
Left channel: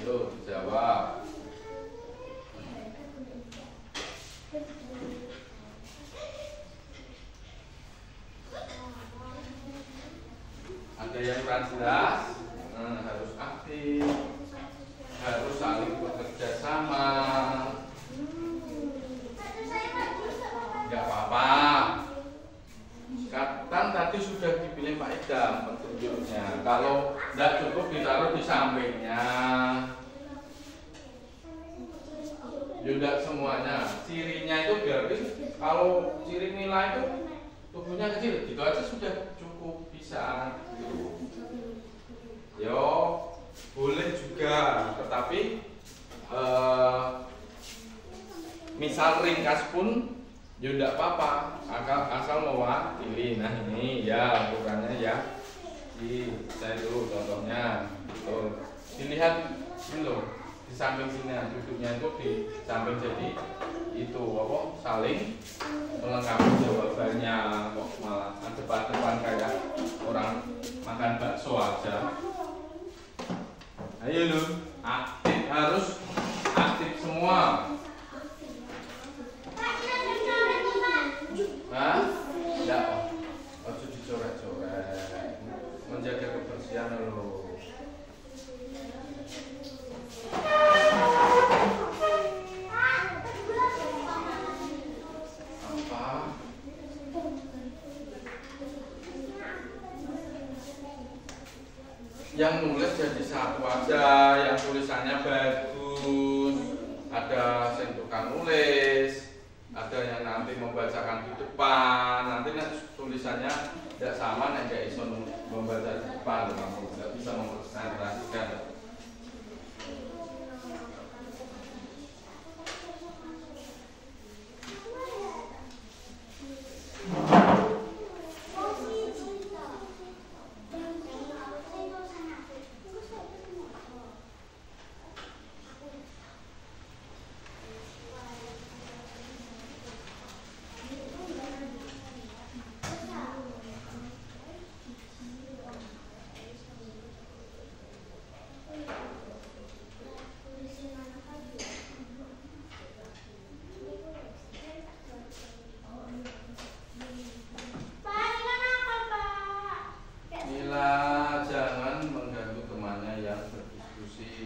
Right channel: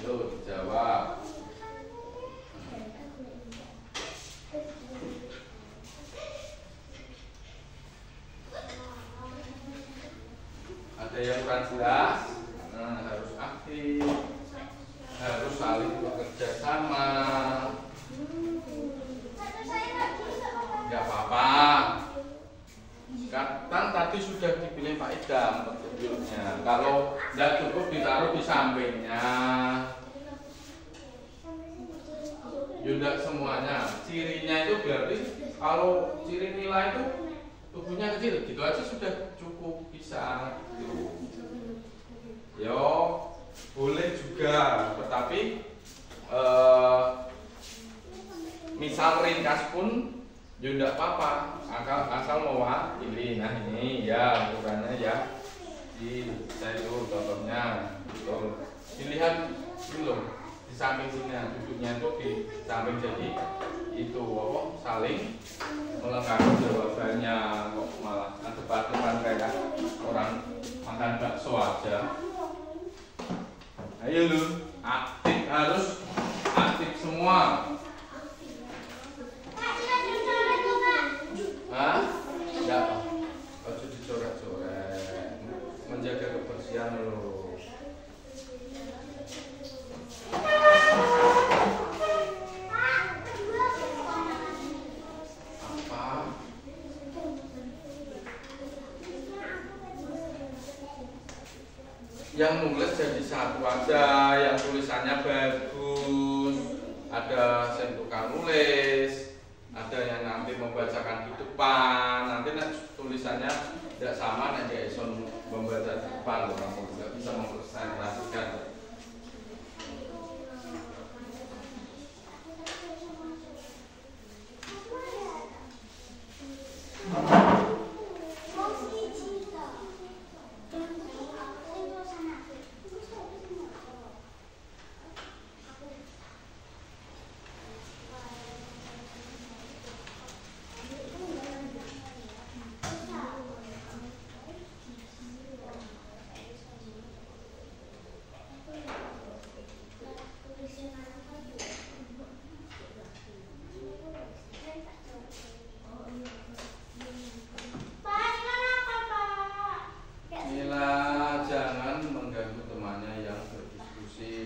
Yuk dijawab. Ada yang kurang jelas, harus aktif, harus saling bekerja sama. Tidak apa-apa. Kan tadi sudah diberi Pak Ida petunjuknya. Kalau tidak cukup ditaruh di sampingnya. Tidak semuanya. Cirinya itu berarti kalau ciri nilai itu tubuhnya kecil, gitu aja sudah cukup bisa. Yo, boleh juga, tetapi misal ringkas pun Ya enggak apa-apa, asal mewakili. Nah ini ya ukurannya ya. Saya itu contohnya, tuh dilihat ini loh, di samping sini duduknya itu di samping, jadi itu apa saling melengkapi jawabannya, kok malah depan kayak orang makan bakso aja. Ayo lu, aktif, harus aktif semua. Hah? Enggak, harus dicoret-coret, menjaga kebersihan lo. Apa? Yang nulis jadi satu aja, yang tulisannya bagus, ada yang tukang nulis, ada yang nanti membacakan di depan. Nanti tulisannya tidak sama, tidak bisa membaca di depan, kamu tidak bisa mempresentasikan.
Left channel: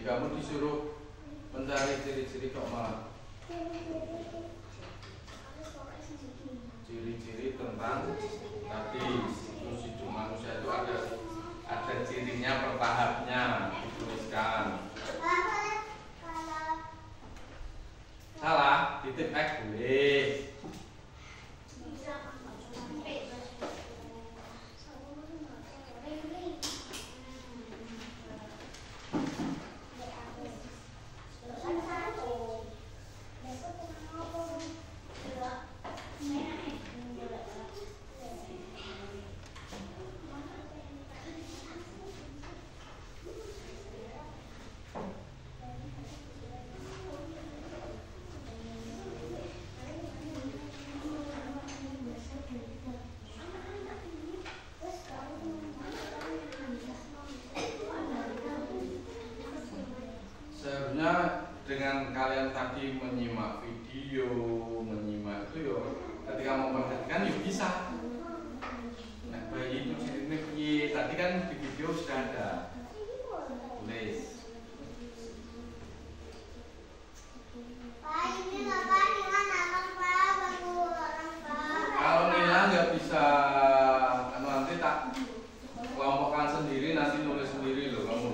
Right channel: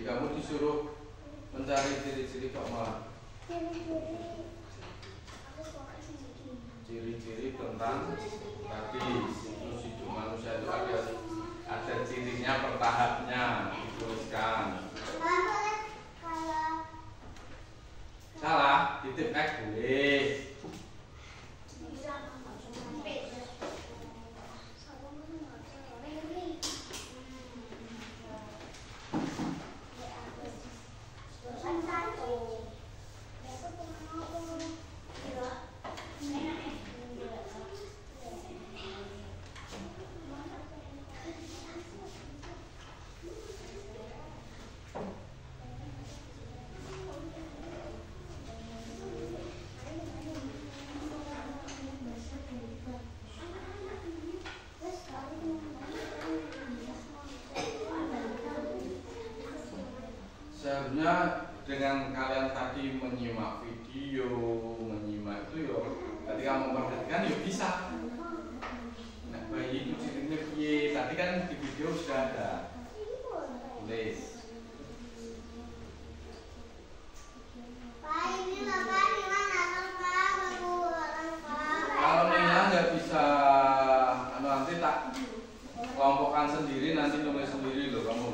Kamu disuruh mencari ciri-ciri kok malah ciri-ciri tentang tadi siklus hidup manusia itu ada cirinya per tahapnya dituliskan. Salah titip X boleh. Seharusnya dengan kalian tadi menyimak video, menyimak itu yo, ketika memperhatikan yo bisa. Nah, bayi itu cirinya piye? Tadi kan di video sudah ada. Tulis. Kalau Nila nggak bisa, nanti tak kelompokkan sendiri, nanti nulis sendiri loh kamu.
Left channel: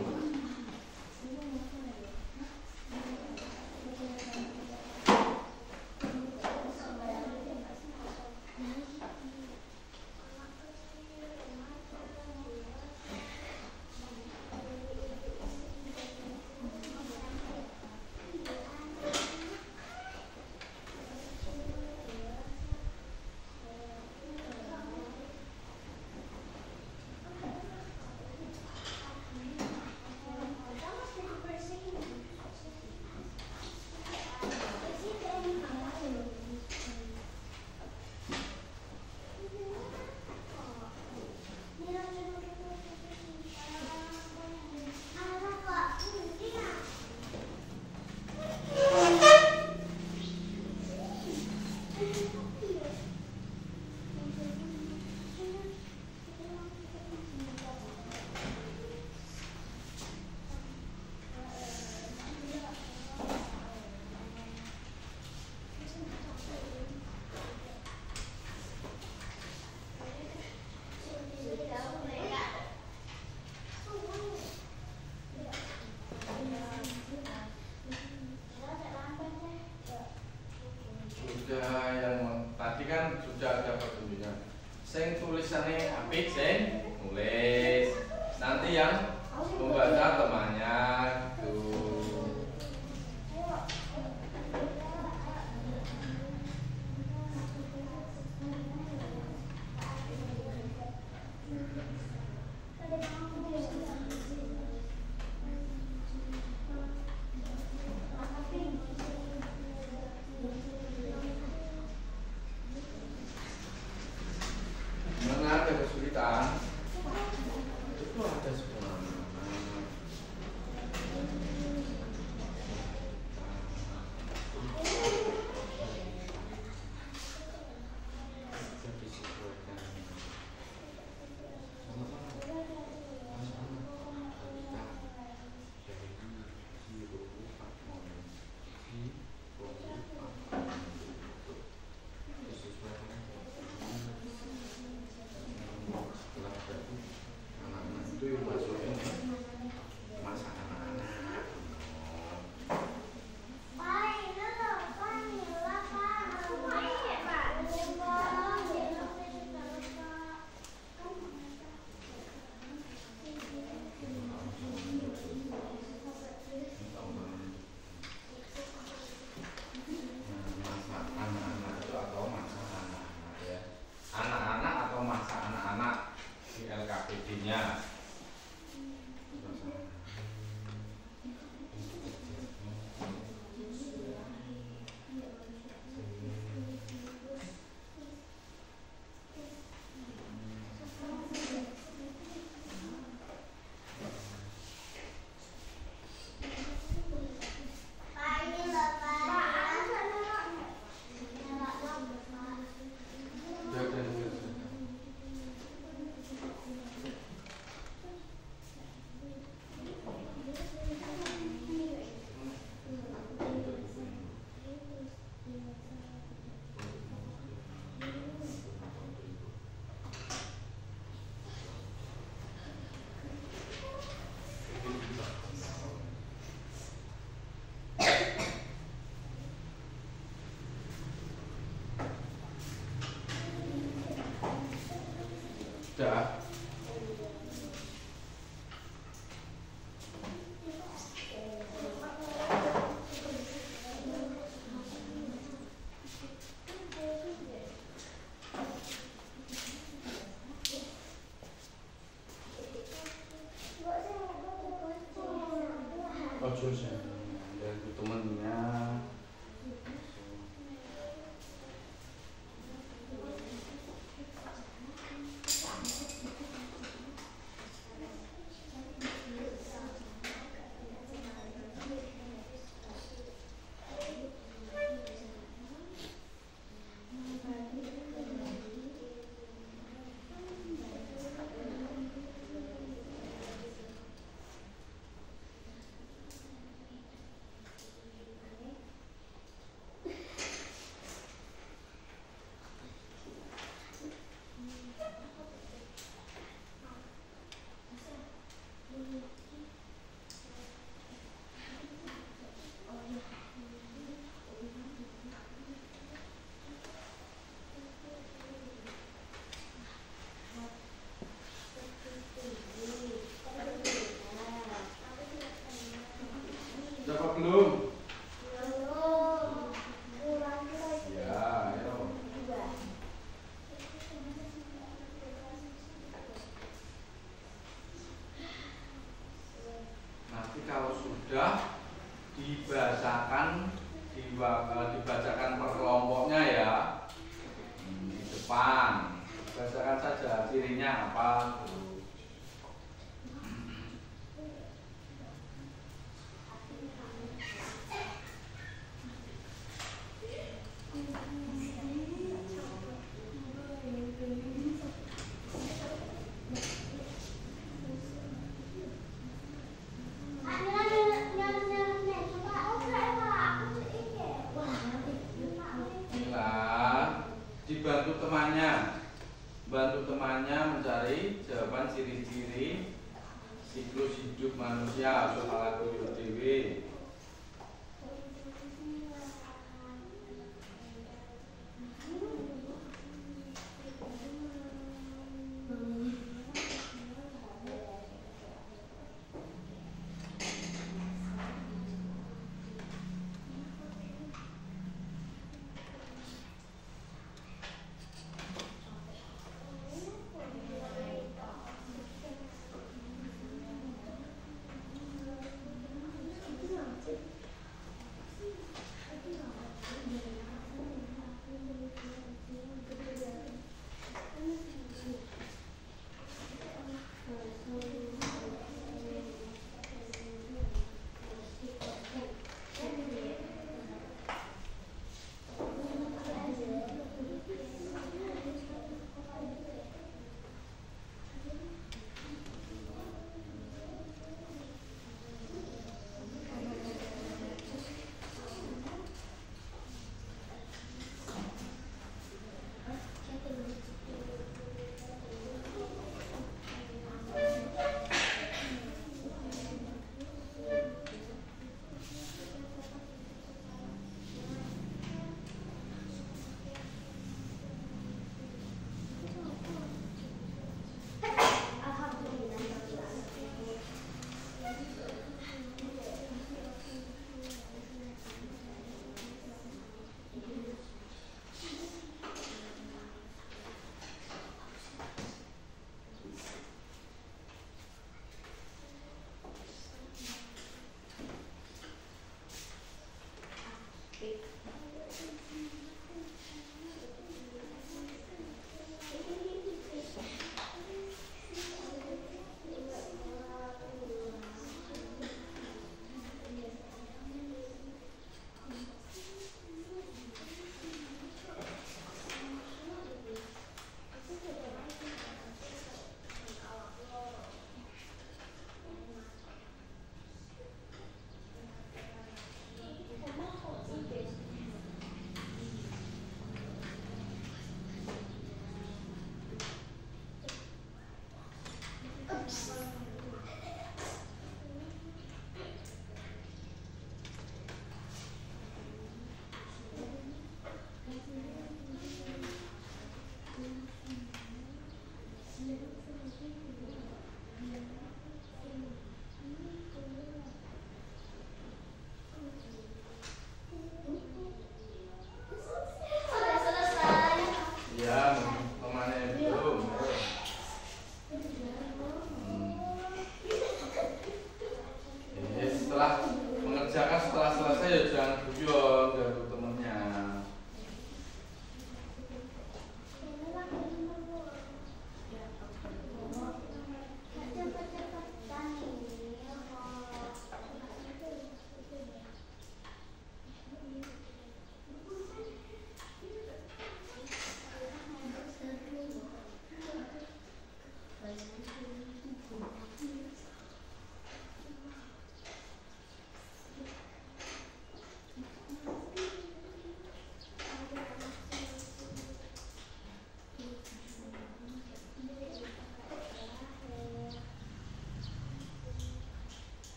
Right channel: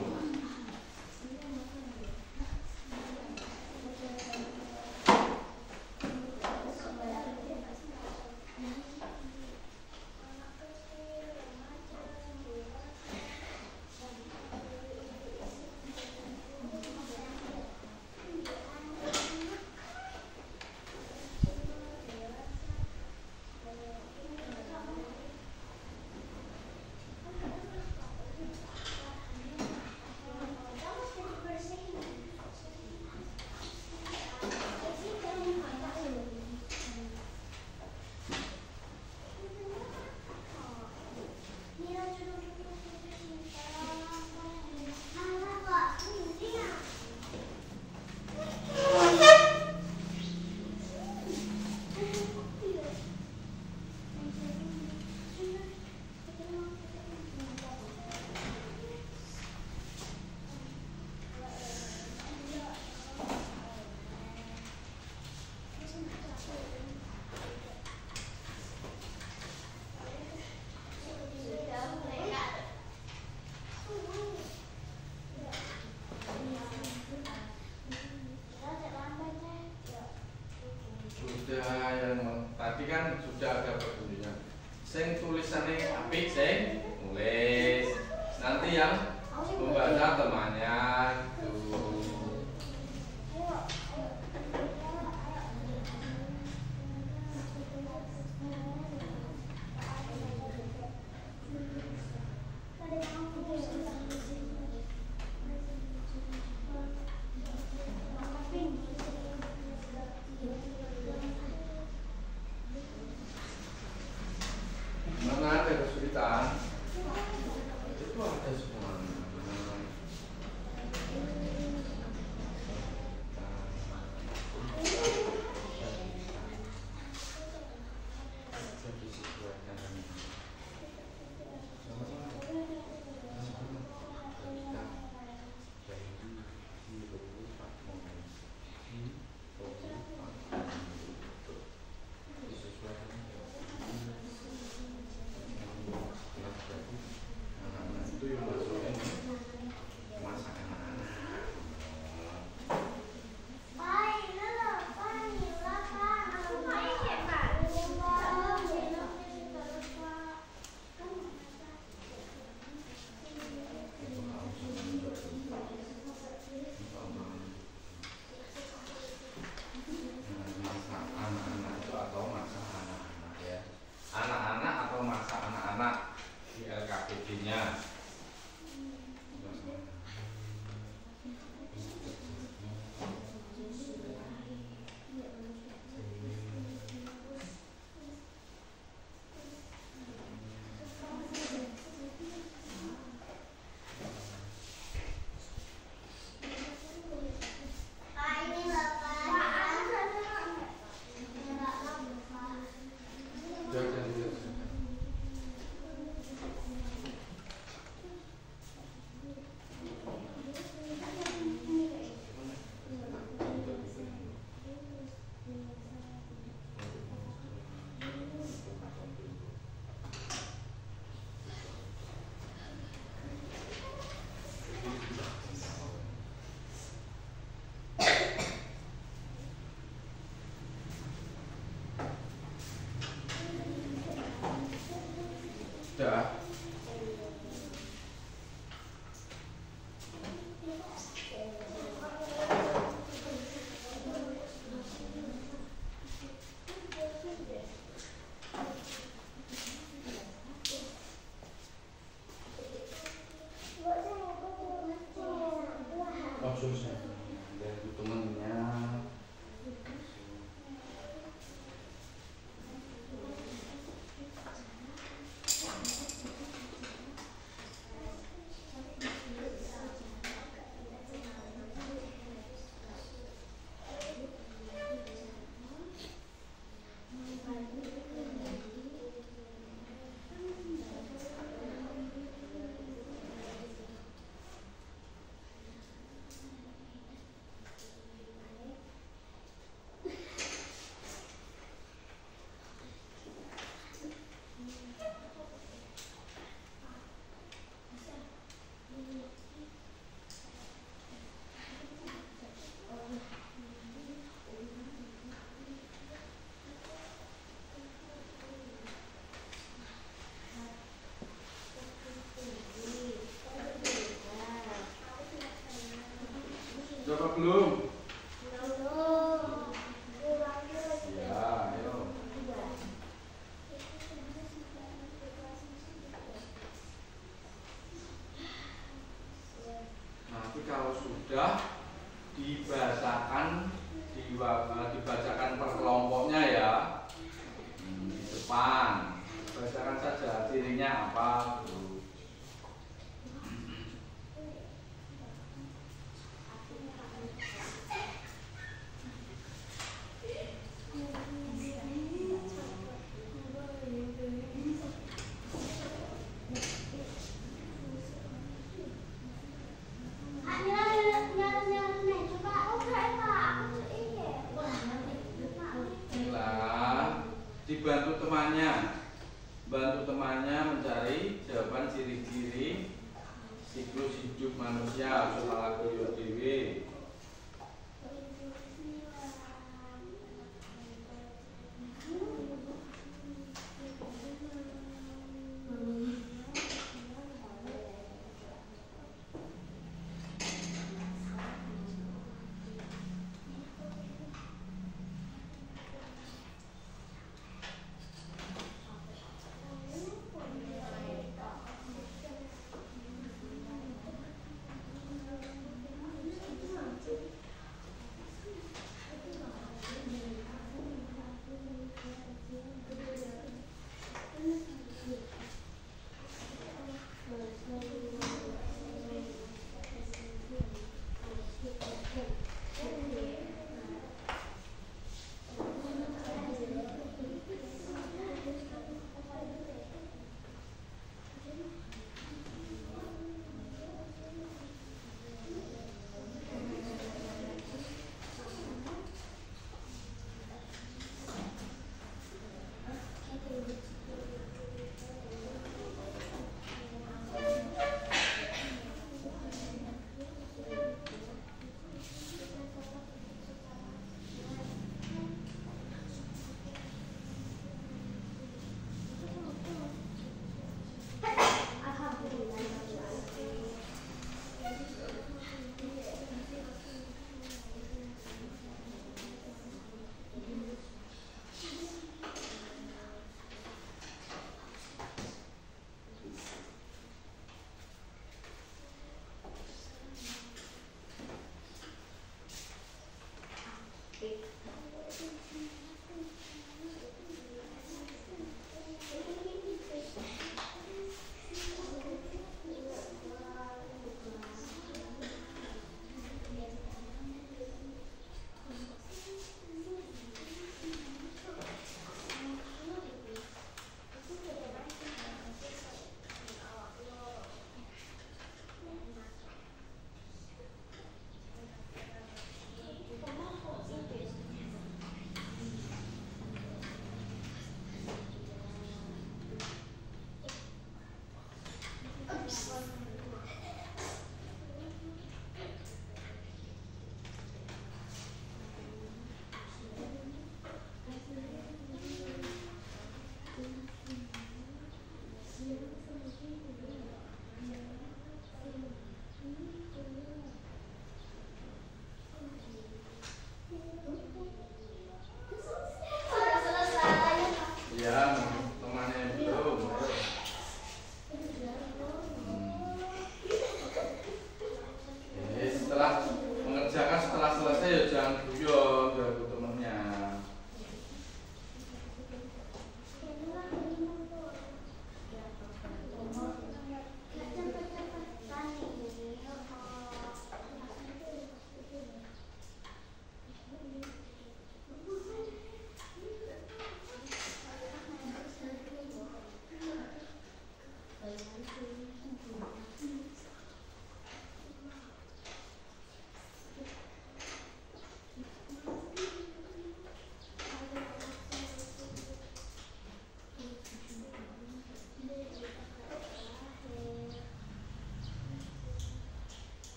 Yang tadi kan sudah ada petunjuknya. Sing tulisannya apik, sing tulis. Nanti yang membaca temannya itu. anak di LKPD-nya. Sudah. Oh, susah. Dari temennya. Coba belum? Ya, ayo. Nanti kalau sudah dibacakan per kelompoknya ya. Di depan. Bacakan saja cirinya apa. Bantu temannya mencari jawaban ciri-ciri siklus hidup manusia setelah lagu dewi. Sudah selesai. Ya, temannya belum. Setelah mengerjakan setelah selesai ya jangan guyon dari temennya.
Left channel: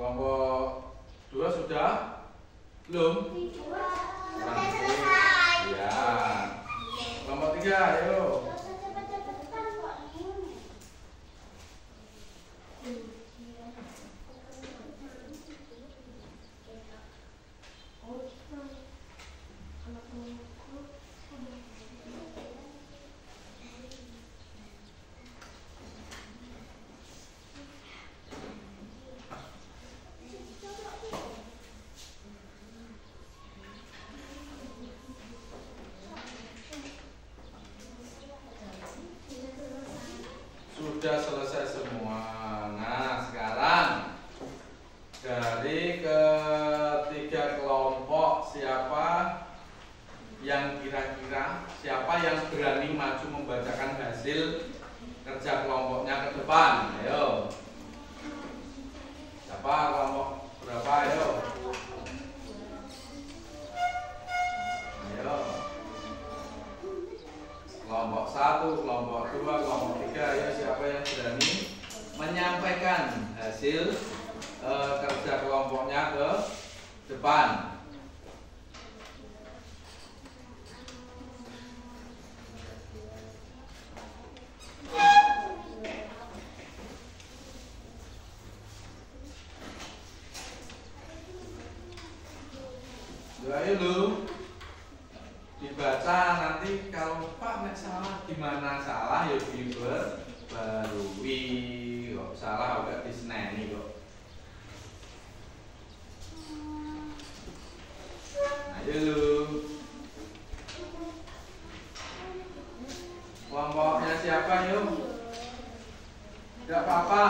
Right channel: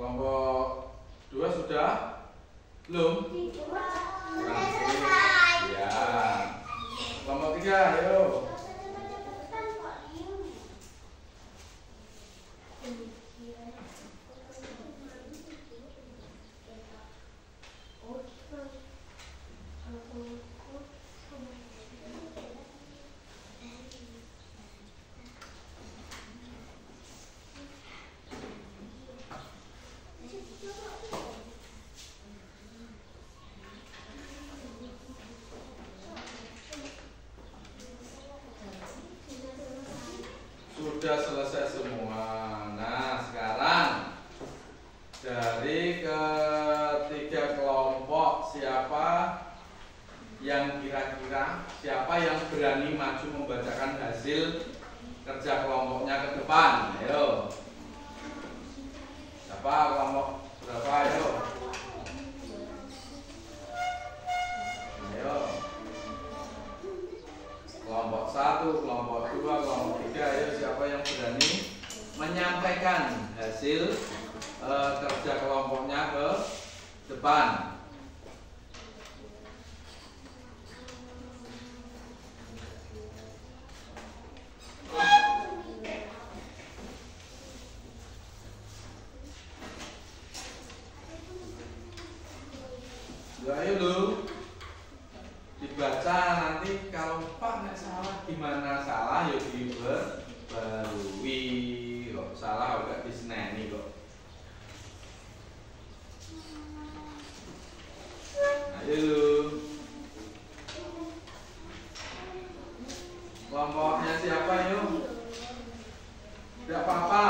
Kelompok 2 sudah? Belum? Sudah selesai. Ya. Kelompok 3, ayo. Sudah selesai semua. Nah, sekarang dari ketiga kelompok siapa yang kira-kira siapa yang berani maju membacakan hasil kerja kelompoknya ke depan? Ayo. Siapa kelompok berapa? Ayo. Ayo. Kelompok 1, kelompok 2, kelompok 3, ya siapa yang berani menyampaikan hasil kerja kelompoknya ke depan? Ya, ayo lu dibaca, nanti kalau Pak nek salah gimana salah ya diperbarui, kok salah agak diseneni kok. Ayo kelompoknya siapa yuk? Tidak apa-apa,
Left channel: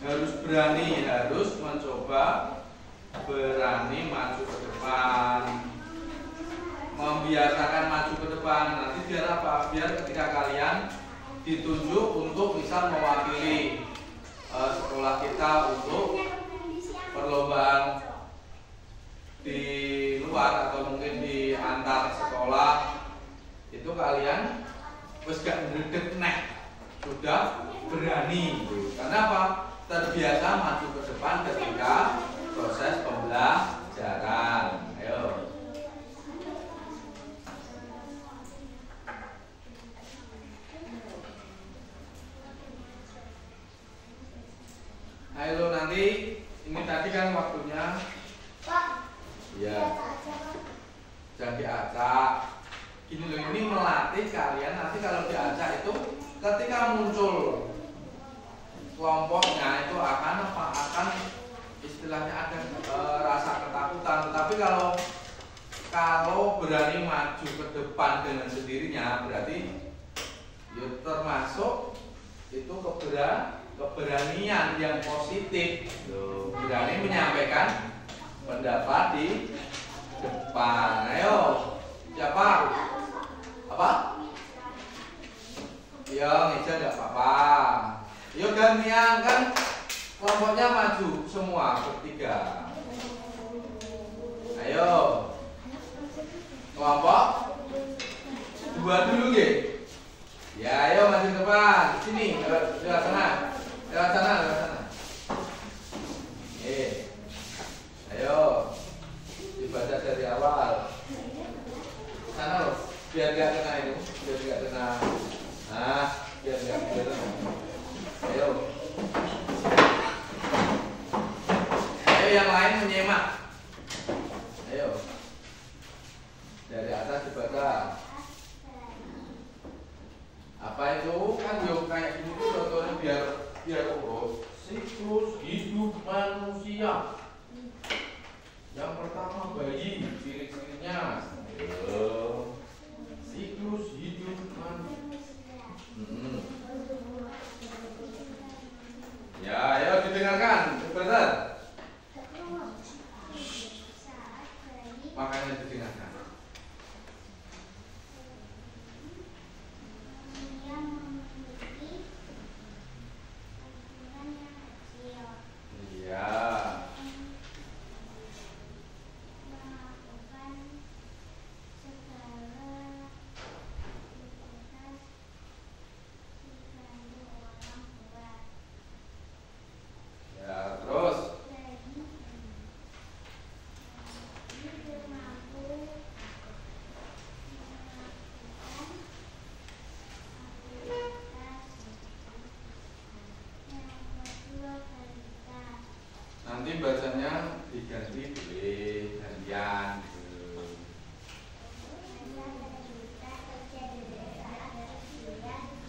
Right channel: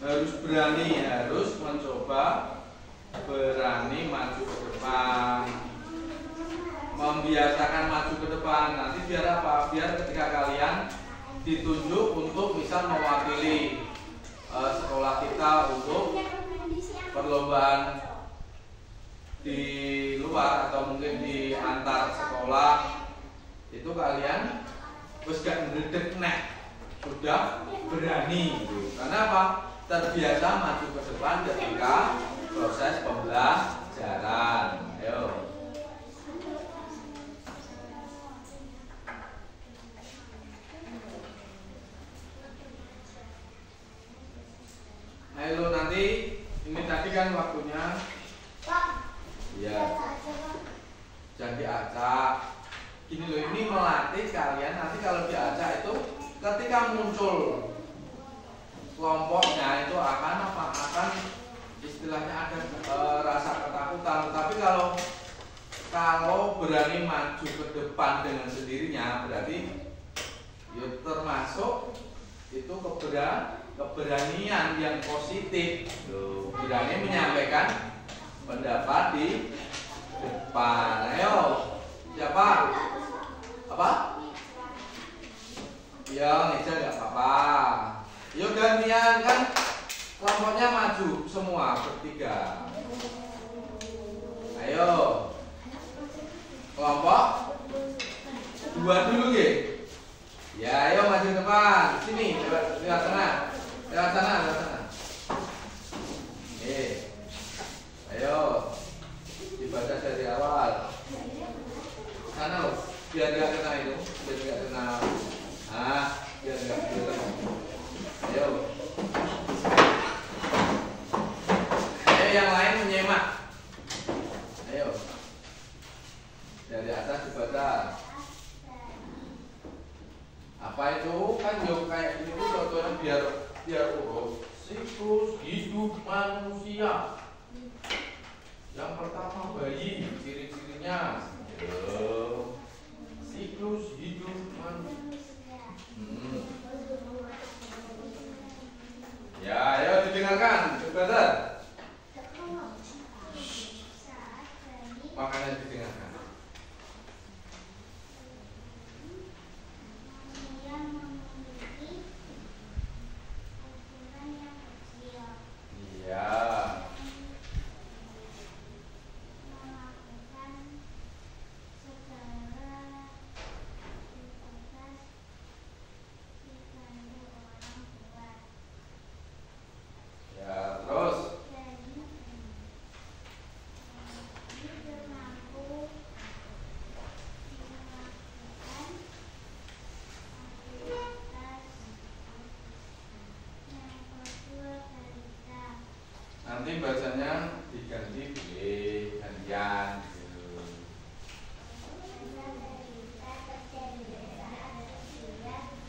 harus berani, harus mencoba berani maju ke depan, membiasakan maju ke depan. Nanti biar apa? Biar ketika kalian ditunjuk untuk bisa mewakili sekolah kita untuk perlombaan di luar atau mungkin di antar sekolah, itu kalian wis gak ngedek nek, sudah berani gitu. Karena apa? Terbiasa maju ke depan ketika proses pembelajaran. Ayo. Ayo nanti ini tadi kan waktunya. Pak. Iya. Jangan diacak. Gini loh, ini melatih kalian nanti kalau diacak itu ketika muncul kelompoknya itu akan apa? Akan istilahnya ada rasa ketakutan. Tapi kalau berani maju ke depan dengan sendirinya, berarti ya termasuk itu keberanian yang positif. Berani menyampaikan pendapat di depan. Ayo, siapa? Apa? Ya, ngeja enggak apa-apa. Yuk gantian, kan kelompoknya maju semua bertiga. Ayo. Kelompok 2 dulu nggih. Ya, ayo maju ke depan. Sini, lewat tengah. Lewat sana, lewat sana. Ayo. makanya didengarkan. Manusia memiliki ukuran yang kecil. Iya. Melakukan segala aktivitas dibantu orang tua. Ya, terus. Jadi mampu melakukan aktivitas yang kedua balita. Nanti bacanya diganti boleh gantian. Masa balita terjadi saat usia 5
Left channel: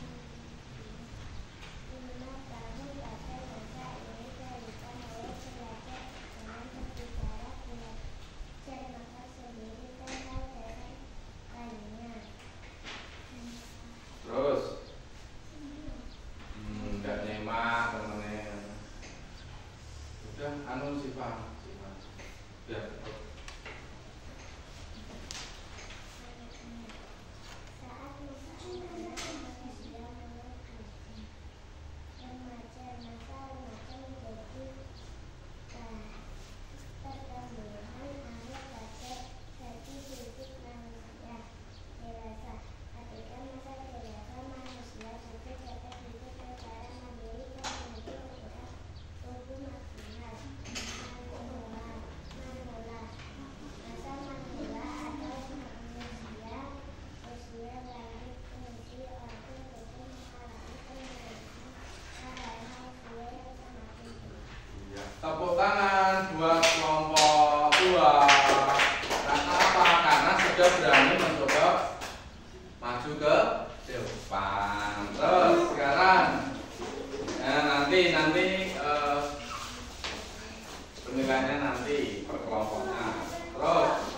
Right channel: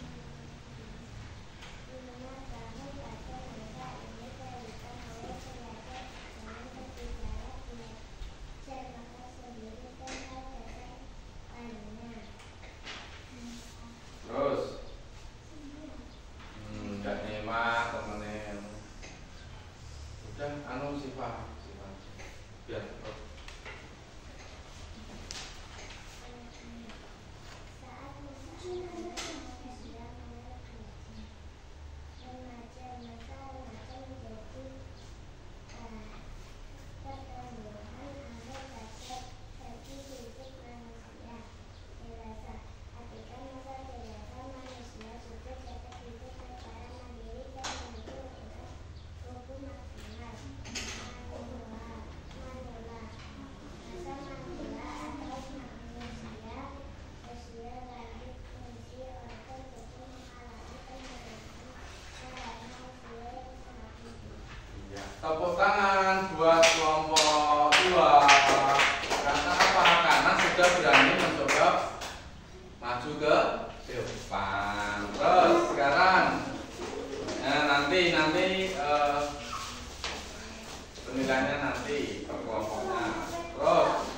tahun. Pada masa ini balita mulai belajar dengan berbicara, belajar makan sendiri dan mengajari lainnya. Terus nggak nyimak temennya. Udah anu sifat biar cepet. Saat masa anak manusia mulai remaja, masa remaja menjadi pertumbuhan akhir bagi fisik manusia. Dewasa, ketika masa dewasa manusia sudah dapat hidup secara mandiri dan mampu menggerak tubuh maksimal. Manula. Masa manula atau manusia usia lanjut fungsi organ tubuh mengalami penurunan karena usia yang semakin tua. Iya. Tepuk tangan buat kelompok 2. Karena apa? Karena sudah berani mencoba maju ke depan. Terus sekarang nanti penilaiannya nanti per kelompoknya. Terus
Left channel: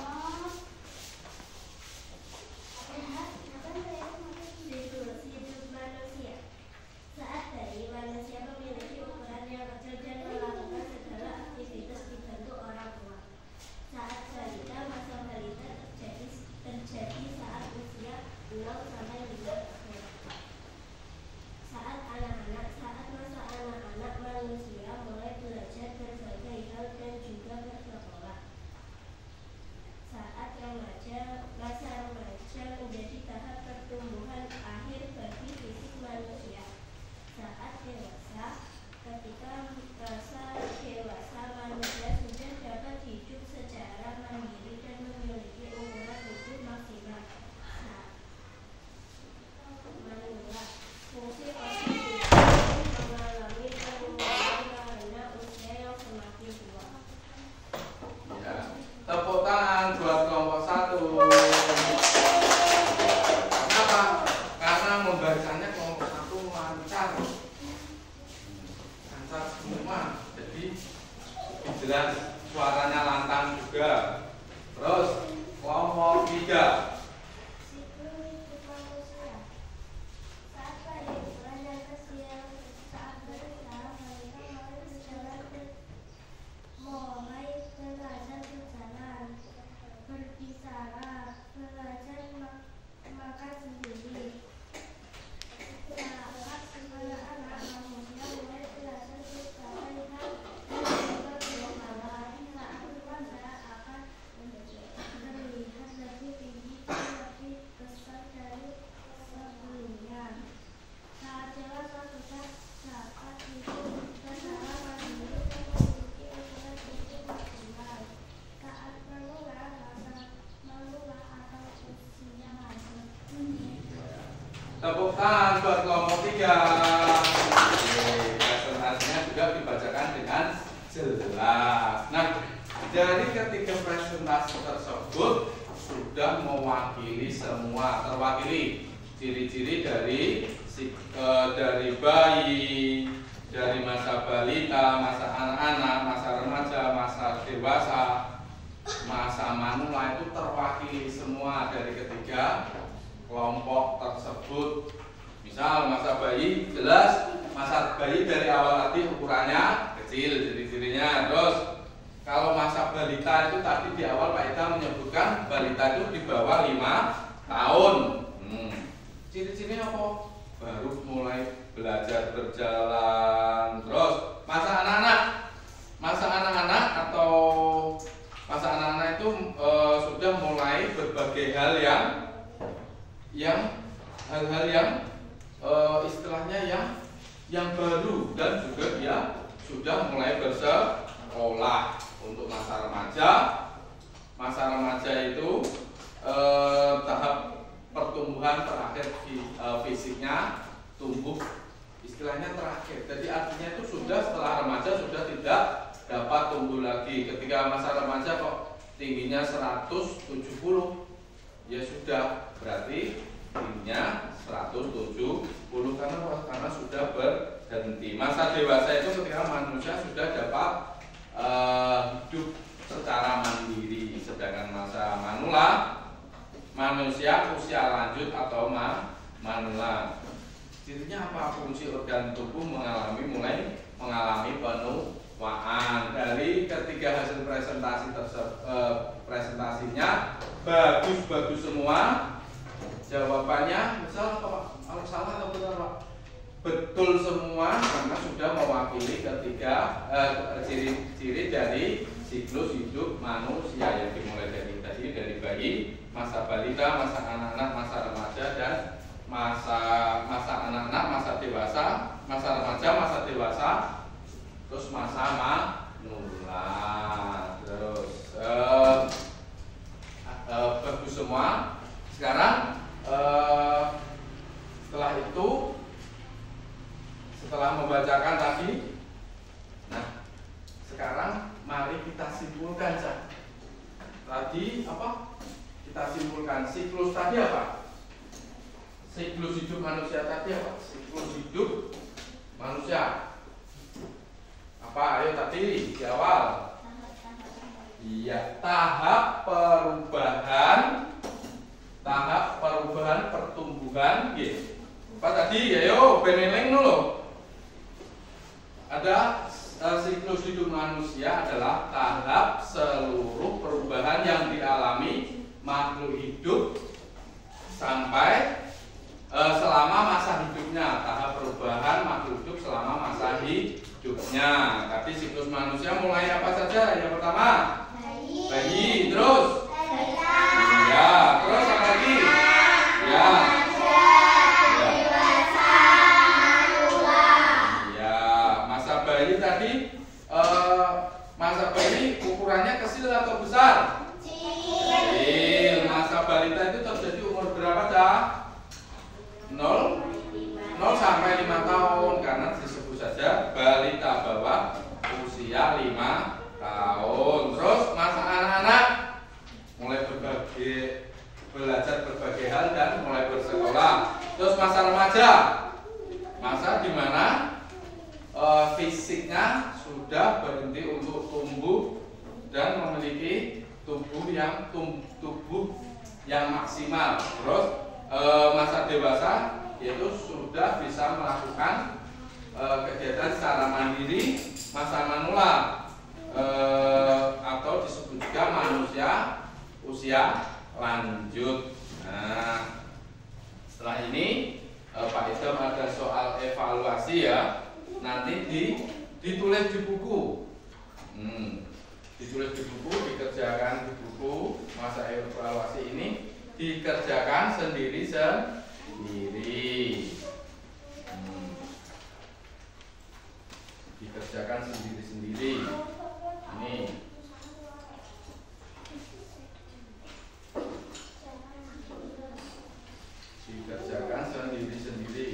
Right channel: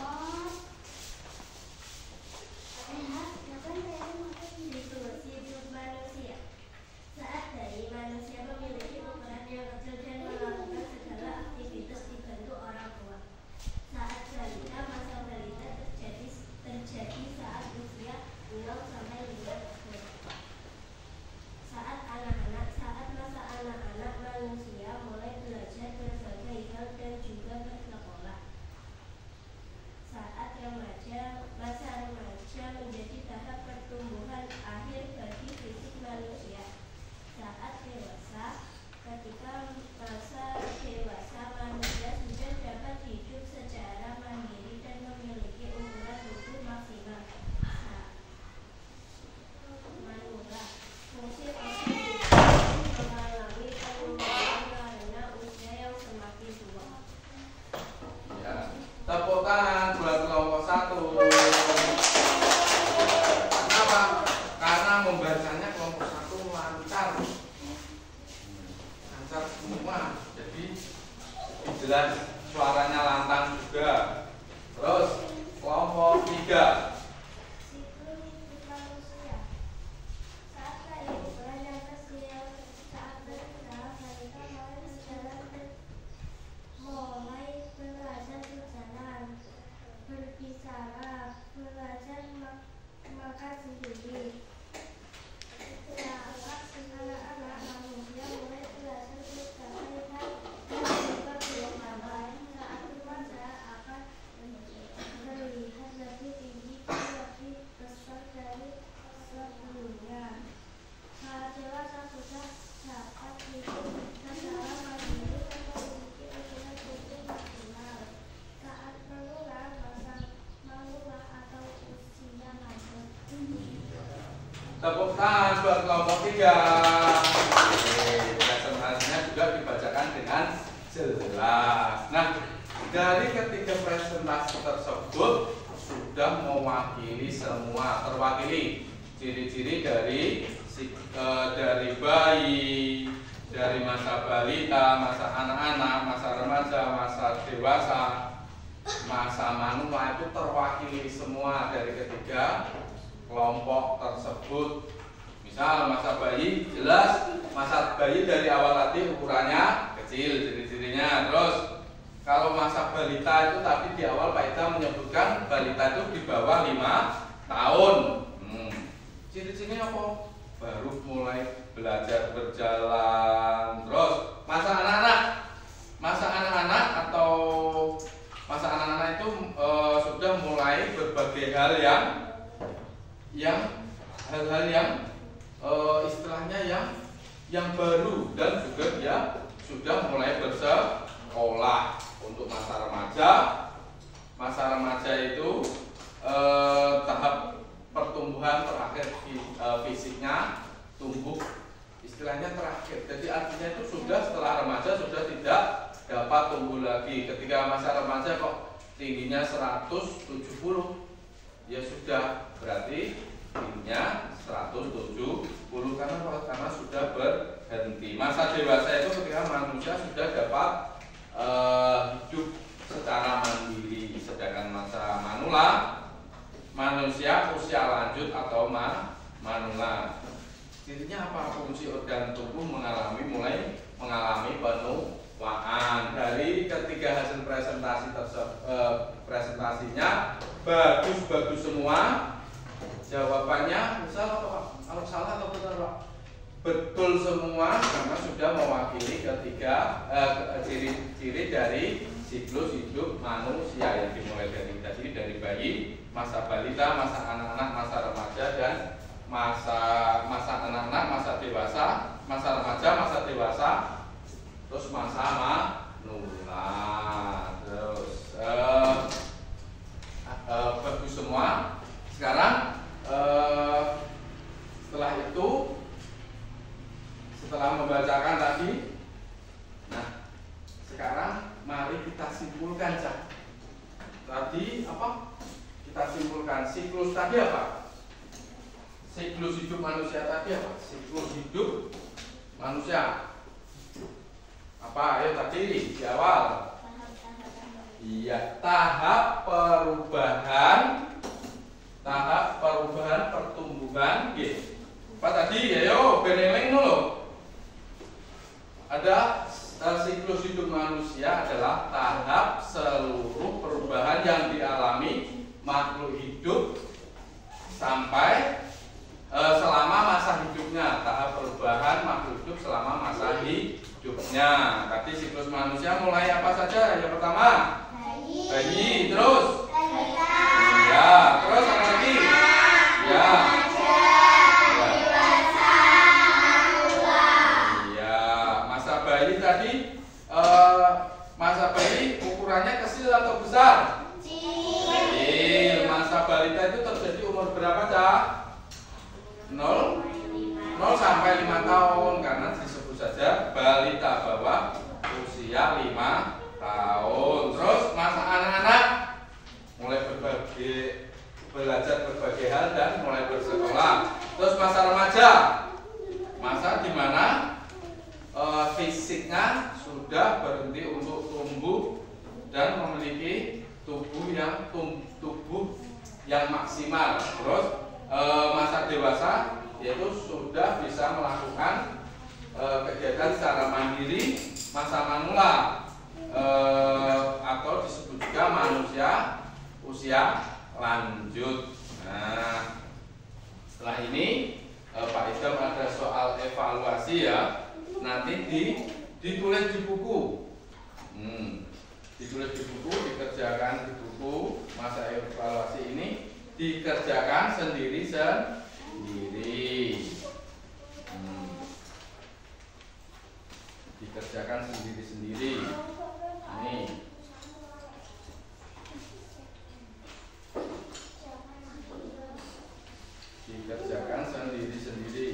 Siklus hidup manusia. Saat bayi, manusia memiliki ukuran yang kecil dan melakukan segala aktivitas dibantu orang tua. Saat balita, masa balita terjadi saat usia 0 sampai 5 tahun. Saat anak-anak, saat masa anak-anak manusia mulai belajar berbagai hal dan juga bersekolah. Saat remaja, masa remaja menjadi tahap pertumbuhan akhir bagi fisik manusia. Saat dewasa, ketika masa dewasa manusia sudah dapat hidup secara mandiri dan memiliki ukuran tubuh maksimal. Manula. Fungsi organ tubuh mengalami penurunan karena usia yang semakin tua. ya, tepuk tangan buat kelompok 1. Kenapa? Karena membacanya kelompok 1 lancar. Lancar semua. Jadi jelas suaranya lantang juga. Terus kelompok 3. Siklus hidup manusia. Saat bayi ukuran yang kecil, saat berusaha balita mulai berjalan, mulai belajar berjalan, berbicara, belajar makan sendiri. Saat anak-anak manusia mulai belajar berbagai hal dan juga berbicara, saat remaja akan terlihat lebih tinggi dan lebih besar dari sebelumnya. Saat dewasa sudah dapat hidup secara mandiri dan memiliki ukuran tubuh maksimal. Saat manula, masa manula atau usia lanjut. Tepuk tangan buat kelompok 3. Presentasinya juga dibacakan dengan jelas. Nah, dari ketiga presentasi tersebut sudah mewakili semua, terwakili ciri-ciri dari bayi, dari masa balita, masa anak-anak, masa remaja, masa dewasa, masa manula itu terwakili semua dari ketiga kelompok tersebut. Misal masa bayi jelas, masa bayi dari awal tadi ukurannya kecil ciri-cirinya. Terus Kalau masa balita itu tadi di awal Pak Ida menyebutkan balita itu di bawah 5 tahun. Ciri-cirinya apa? Baru mulai belajar berjalan. Terus masa anak-anak. Masa anak-anak atau masa anak-anak itu sudah mulai berbagai hal hal-hal yang istilahnya yang baru, dan juga dia sudah mulai bersekolah. Untuk masa remaja itu tahap pertumbuhan terakhir fisiknya tumbuh, istilahnya terakhir. Jadi artinya itu sudah setelah remaja sudah tidak dapat tumbuh lagi. Ketika masa remaja kok tingginya 170, ya sudah berarti tingginya 170 karena sudah berhenti. Masa dewasa itu ketika manusia sudah dapat hidup secara mandiri. Sedangkan masa manula, manusia usia lanjut atau manula. Cirinya apa? Fungsi organ tubuh mulai mengalami penuaan. Dari ketiga hasil presentasinya bagus semua. Jawabannya misal apa Pak? Salah atau benar Pak? Betul semua, karena sudah mewakili ketiga ciri-ciri dari siklus hidup manusia yang dimulai dari tadi, dari bayi, masa balita, masa anak-anak, masa remaja, dan masa anak-anak, masa dewasa, masa remaja, masa dewasa, terus masa manula. Terus bagus semua. Sekarang setelah itu, setelah membacakan tadi, nah sekarang mari kita simpulkan tadi apa? Kita simpulkan siklus tadi apa? Siklus hidup manusia tadi apa? Siklus hidup manusia apa? Ayo tadi di awal. Iya, tahap perubahan pertumbuhan. Apa tadi? Ayo beneleng dulu. Ada siklus hidup manusia adalah tahap seluruh perubahan yang dialami makhluk hidup sampai selama masa hidupnya. Tahap perubahan makhluk hidup selama masa hidupnya. Tadi siklus manusia mulai apa saja? Yang pertama bayi, terus ya, terus apa lagi? Ya. Masa bayi ukurannya kecil atau besar? Kecil. Masa balita itu terjadi umur berapa dah? 0 sampai 5 tahun, karena disebut saja balita, bawah usia 5 tahun. Terus masa anak-anak mulai belajar berbagai hal dan mulai bersekolah. Terus masa remaja, masa di mana fisiknya sudah berhenti untuk tumbuh dan memiliki tubuh yang maksimal. Terus masa dewasa yaitu sudah bisa melakukan kegiatan secara mandiri. Masa manula atau disebut juga manusia usia lanjut. Nah, setelah ini Pak Idam ada soal evaluasi ya. Nanti ditulis di buku. Ditulis di buku, dikerjakan di buku. Masa evaluasi ini dikerjakan sendiri-sendiri. Dikerjakan sendiri-sendiri. Ini dikerjakan sendiri-sendiri.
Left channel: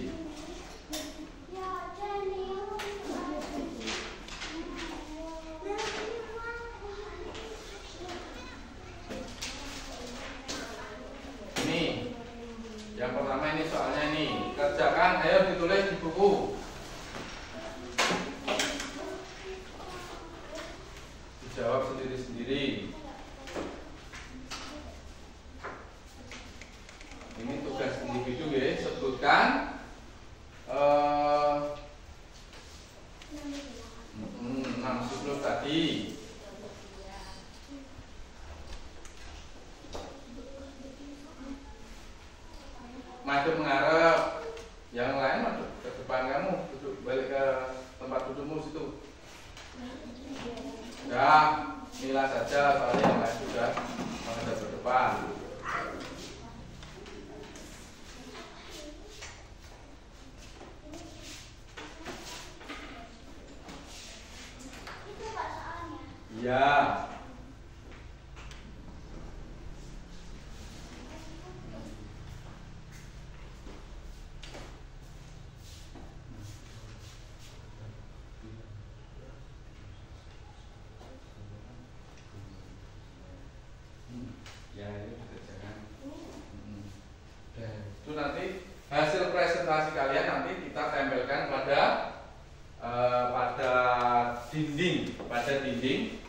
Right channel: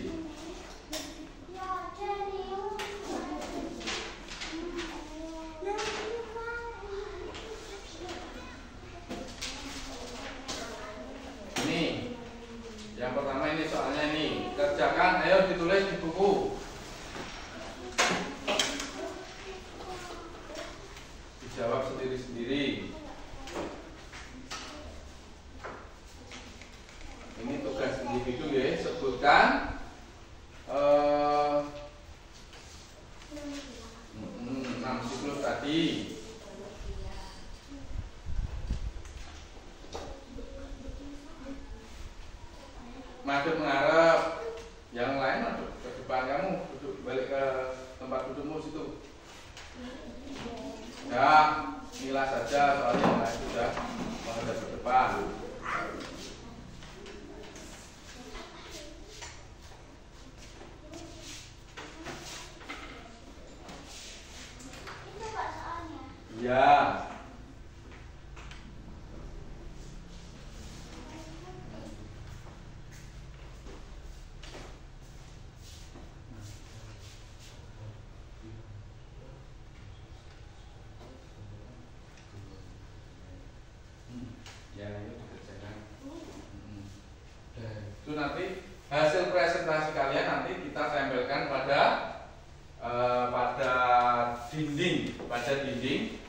Ini yang pertama, ini soalnya nih, kerjakan, ayo ditulis di buku. Dijawab Ya ini dikerjakan. Itu nanti hasil presentasi kalian nanti kita tempelkan pada dinding,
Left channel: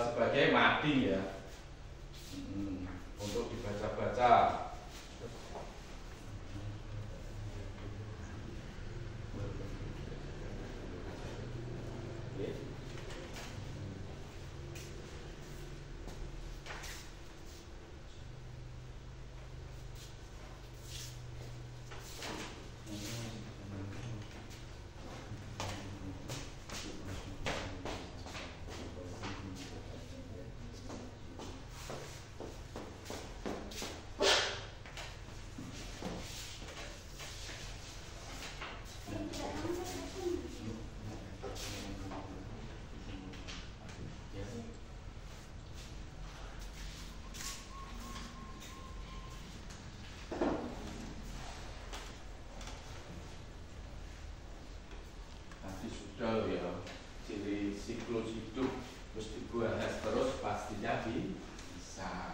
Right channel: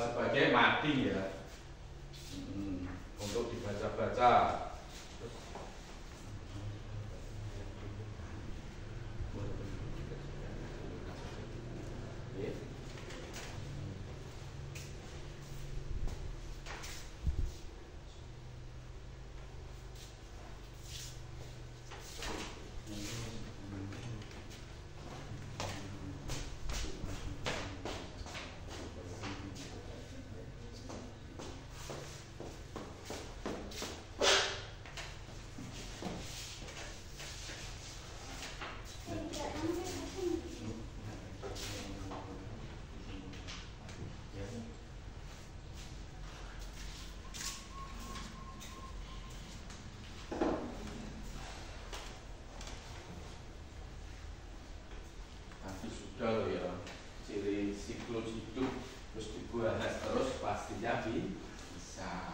sebagai mading ya, untuk dibaca-baca. Sudah loh ya, ciri siklus hidup terus dibahas terus pastinya bisa.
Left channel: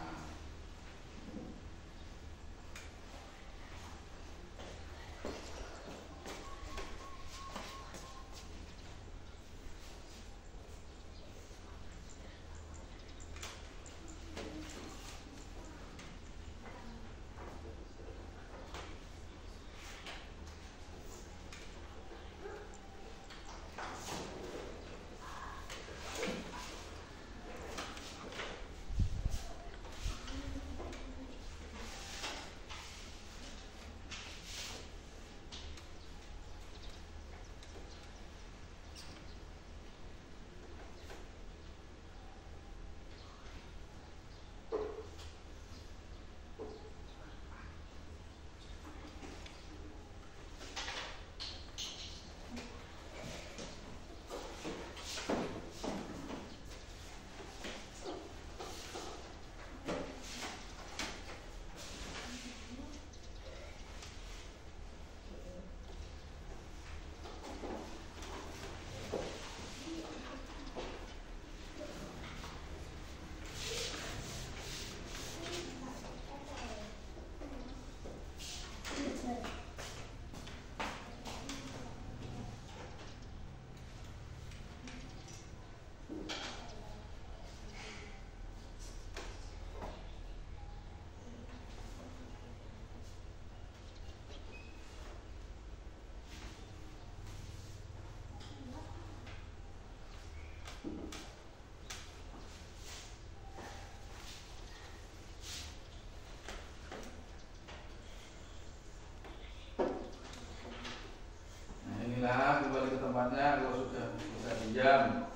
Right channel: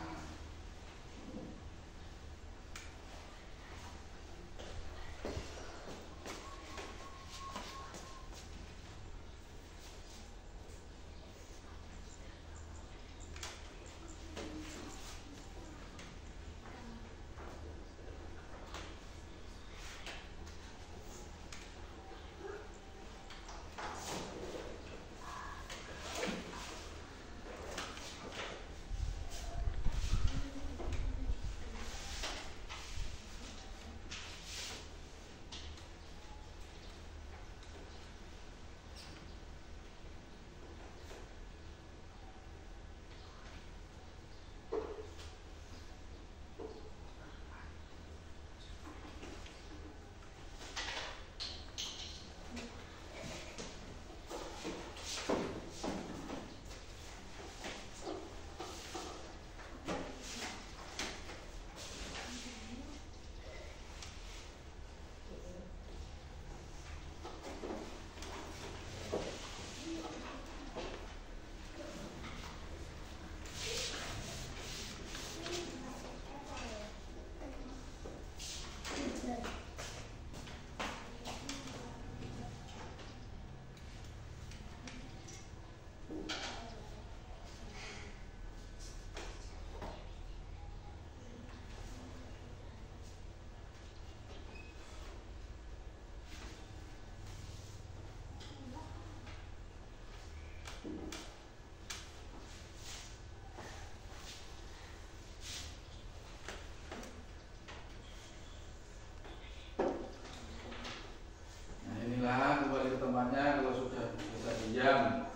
Kembali ke tempatnya kalau sudah bisa diam.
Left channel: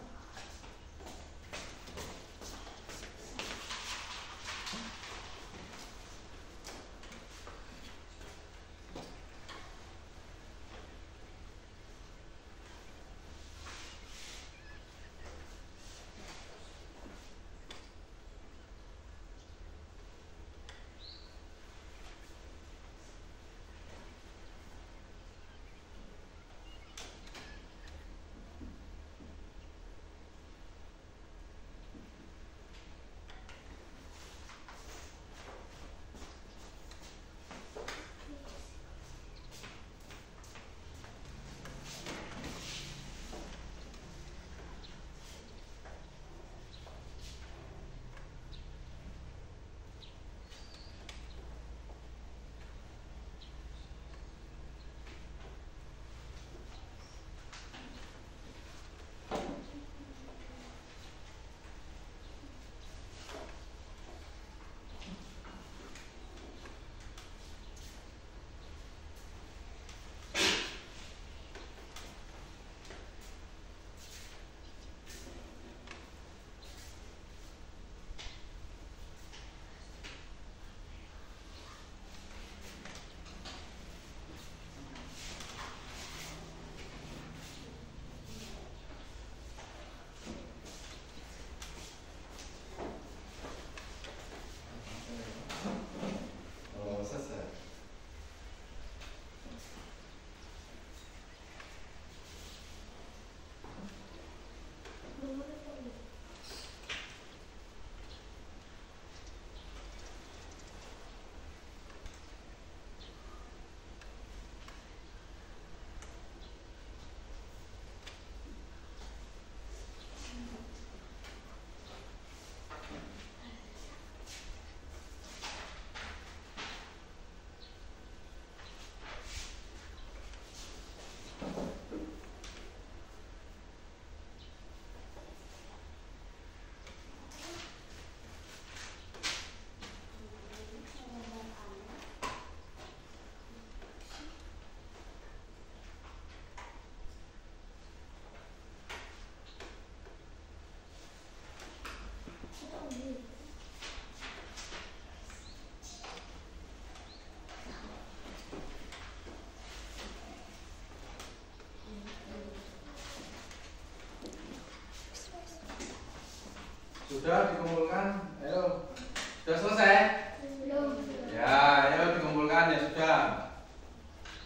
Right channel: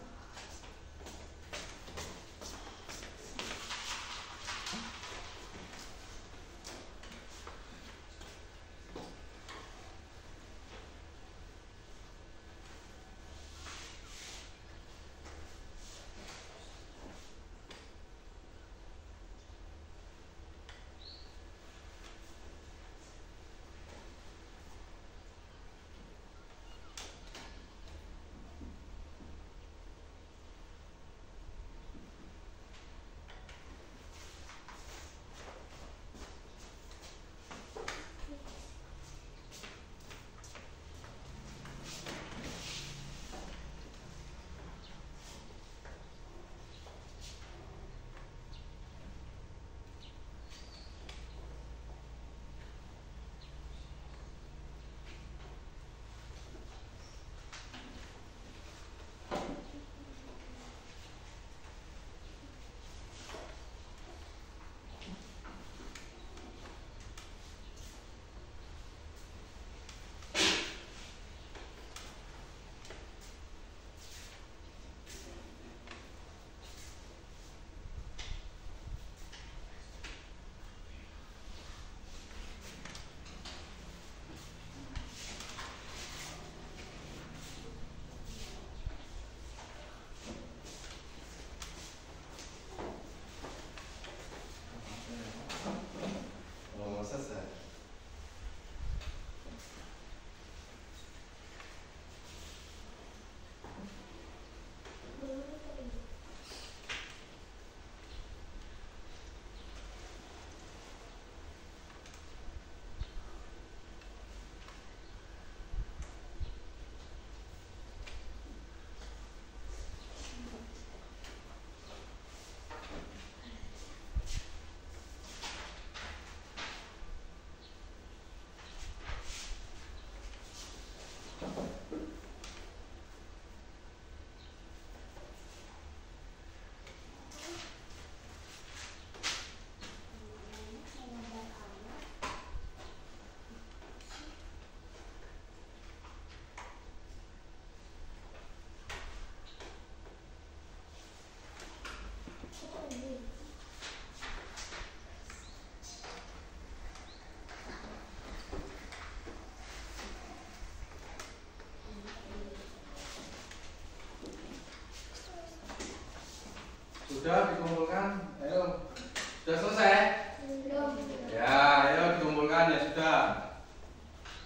selesai? Belum. Ya, ayo dikumpulkan ya sudah.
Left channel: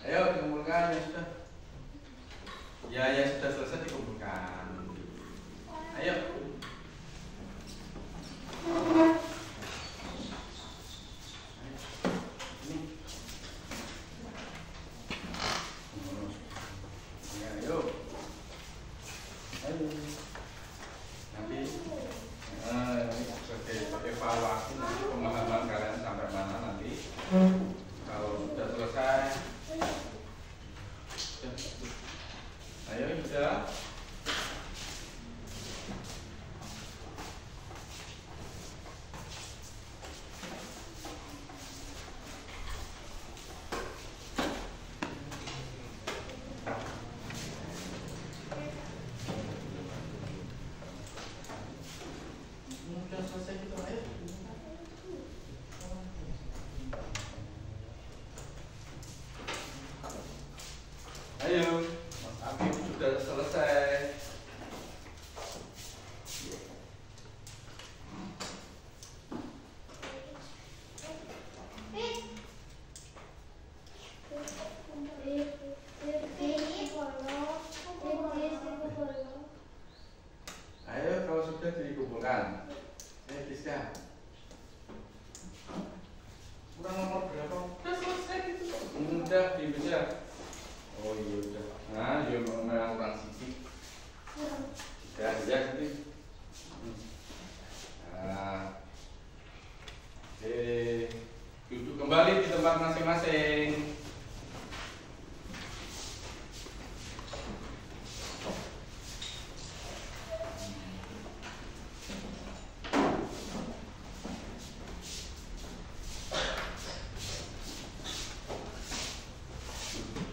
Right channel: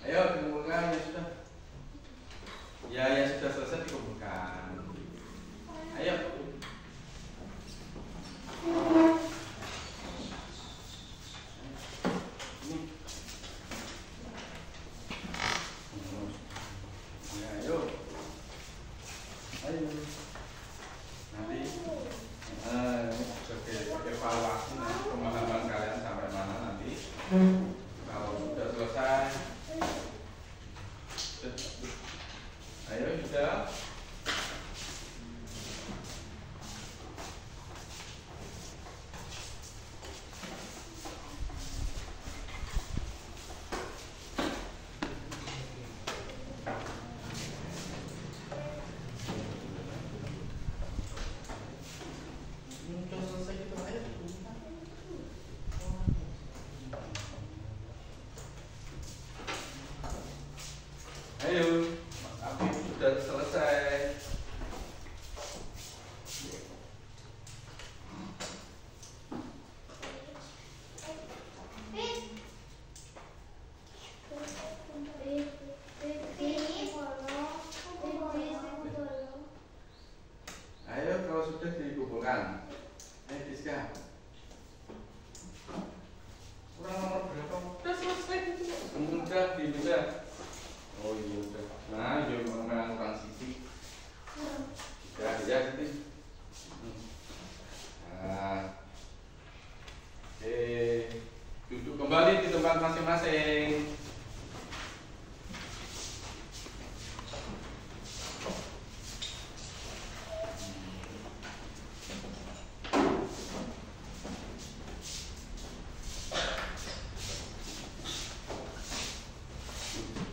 Ayo dikumpulkan ya sudah. Ya, ya sudah selesai dikumpulkan. Ayo. Ini. Ya, ayo. Ayo. Nanti sebagai evaluasi nanti pemahaman kalian sampai mana nanti. Kalau sudah selesai. Ayo sudah. Sudah selesai gitu ayo. Ayo, Mas Afif sudah selesai. Ayo kalau sudah dikumpulkan. Ayo Giska. Kurang nomor berapa? Sudah selesai itu. Udah, bisa. Oh iya udah. Nah, ya memang kurang sisi. Ya, ya sini. Nah. Oke. Duduk kembali di tempat masing-masing.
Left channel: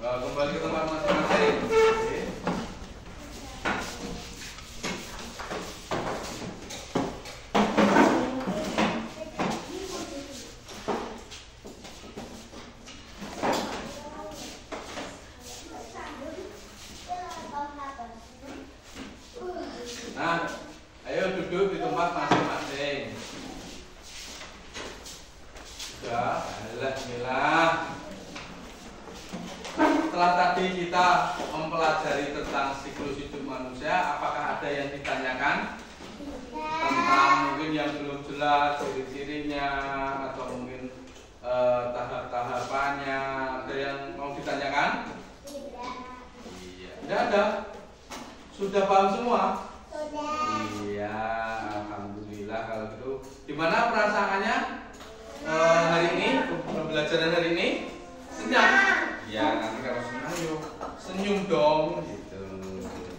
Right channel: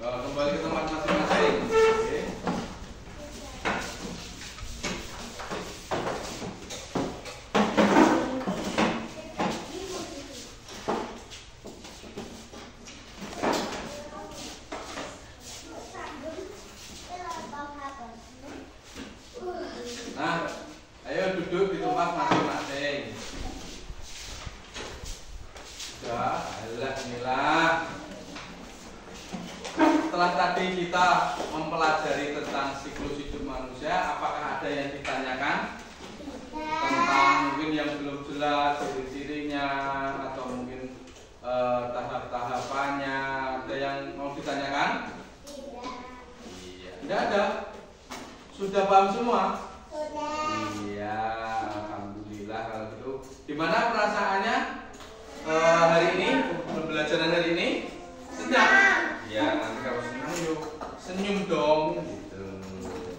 Kembali ke tempat masing-masing. Oke. Nah, ayo duduk di tempat masing-masing. Sudah, alhamdulillah. Setelah tadi kita mempelajari tentang siklus hidup manusia, apakah ada yang ditanyakan tentang mungkin yang belum jelas ciri-cirinya atau mungkin tahap-tahapannya? Ada yang mau ditanyakan? Iya. Tidak ada. Sudah paham semua? Iya, alhamdulillah kalau gitu. Gimana perasaannya hari ini? Pembelajaran hari ini? Senang? Ya, nanti kalau senang yuk senyum dong gitu.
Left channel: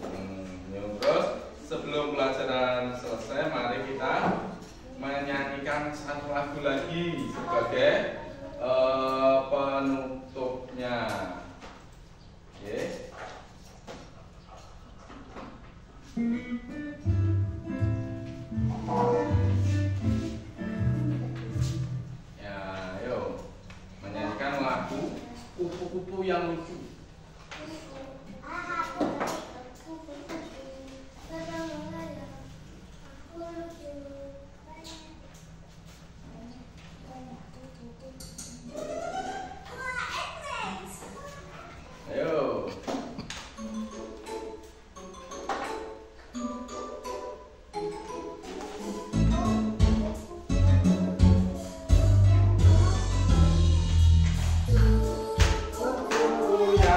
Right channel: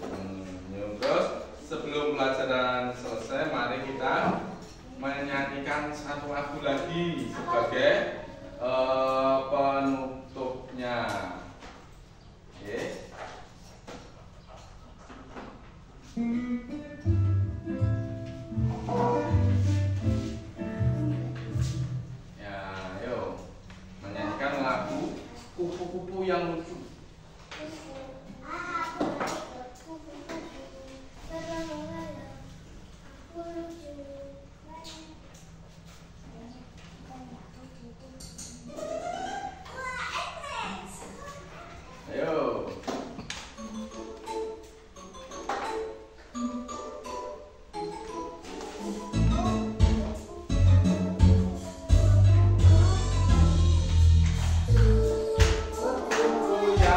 Senyum. Terus sebelum pelajaran selesai, mari kita menyanyikan satu lagu lagi sebagai penutupnya. Oke. Ya, ayo menyanyikan lagu Kupu-kupu yang lucu. Ayo. Kupu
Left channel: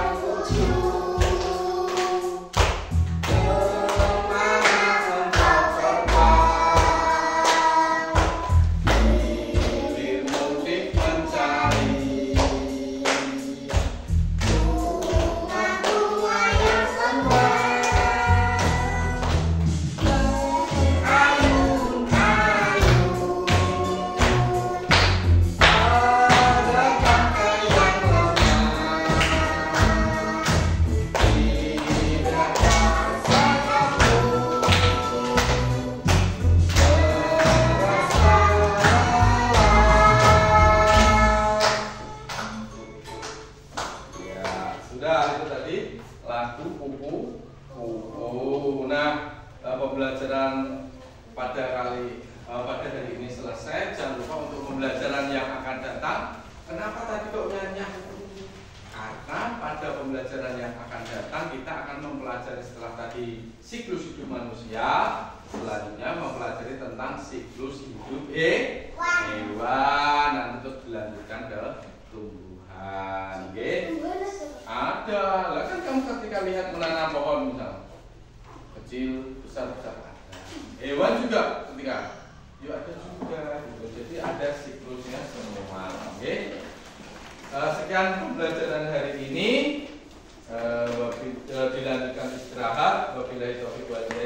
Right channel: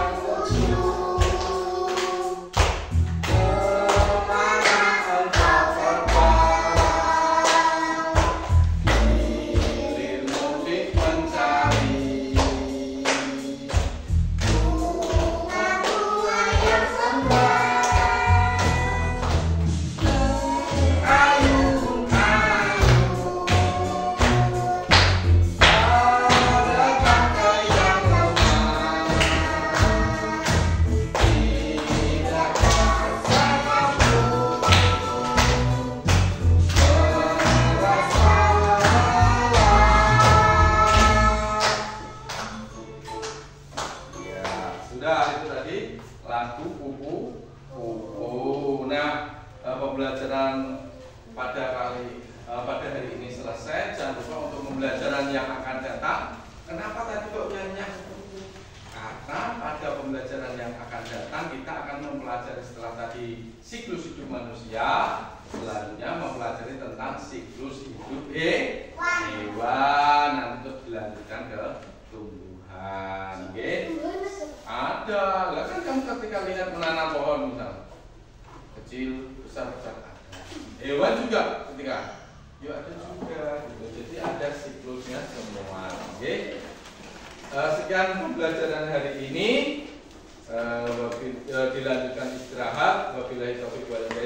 pembelajaran yang akan datang. Kenapa tadi kok nanya? Karena pada pembelajaran yang akan datang kita akan mempelajari setelah tadi siklus hidup manusia, selanjutnya mempelajari tentang siklus hidup hewan, nanti terus dilanjutkan ke tumbuhan. Ada, lah kan kamu ketika lihat menanam pohon misalnya, kecil, besar, ada. Hewan juga ketika, yuk ada juga, gitu. Jadi ada siklusnya semua. Sekian pembelajaran hari ini. Dilanjutkan istirahat. Wabillahi taufiq wal hidayah.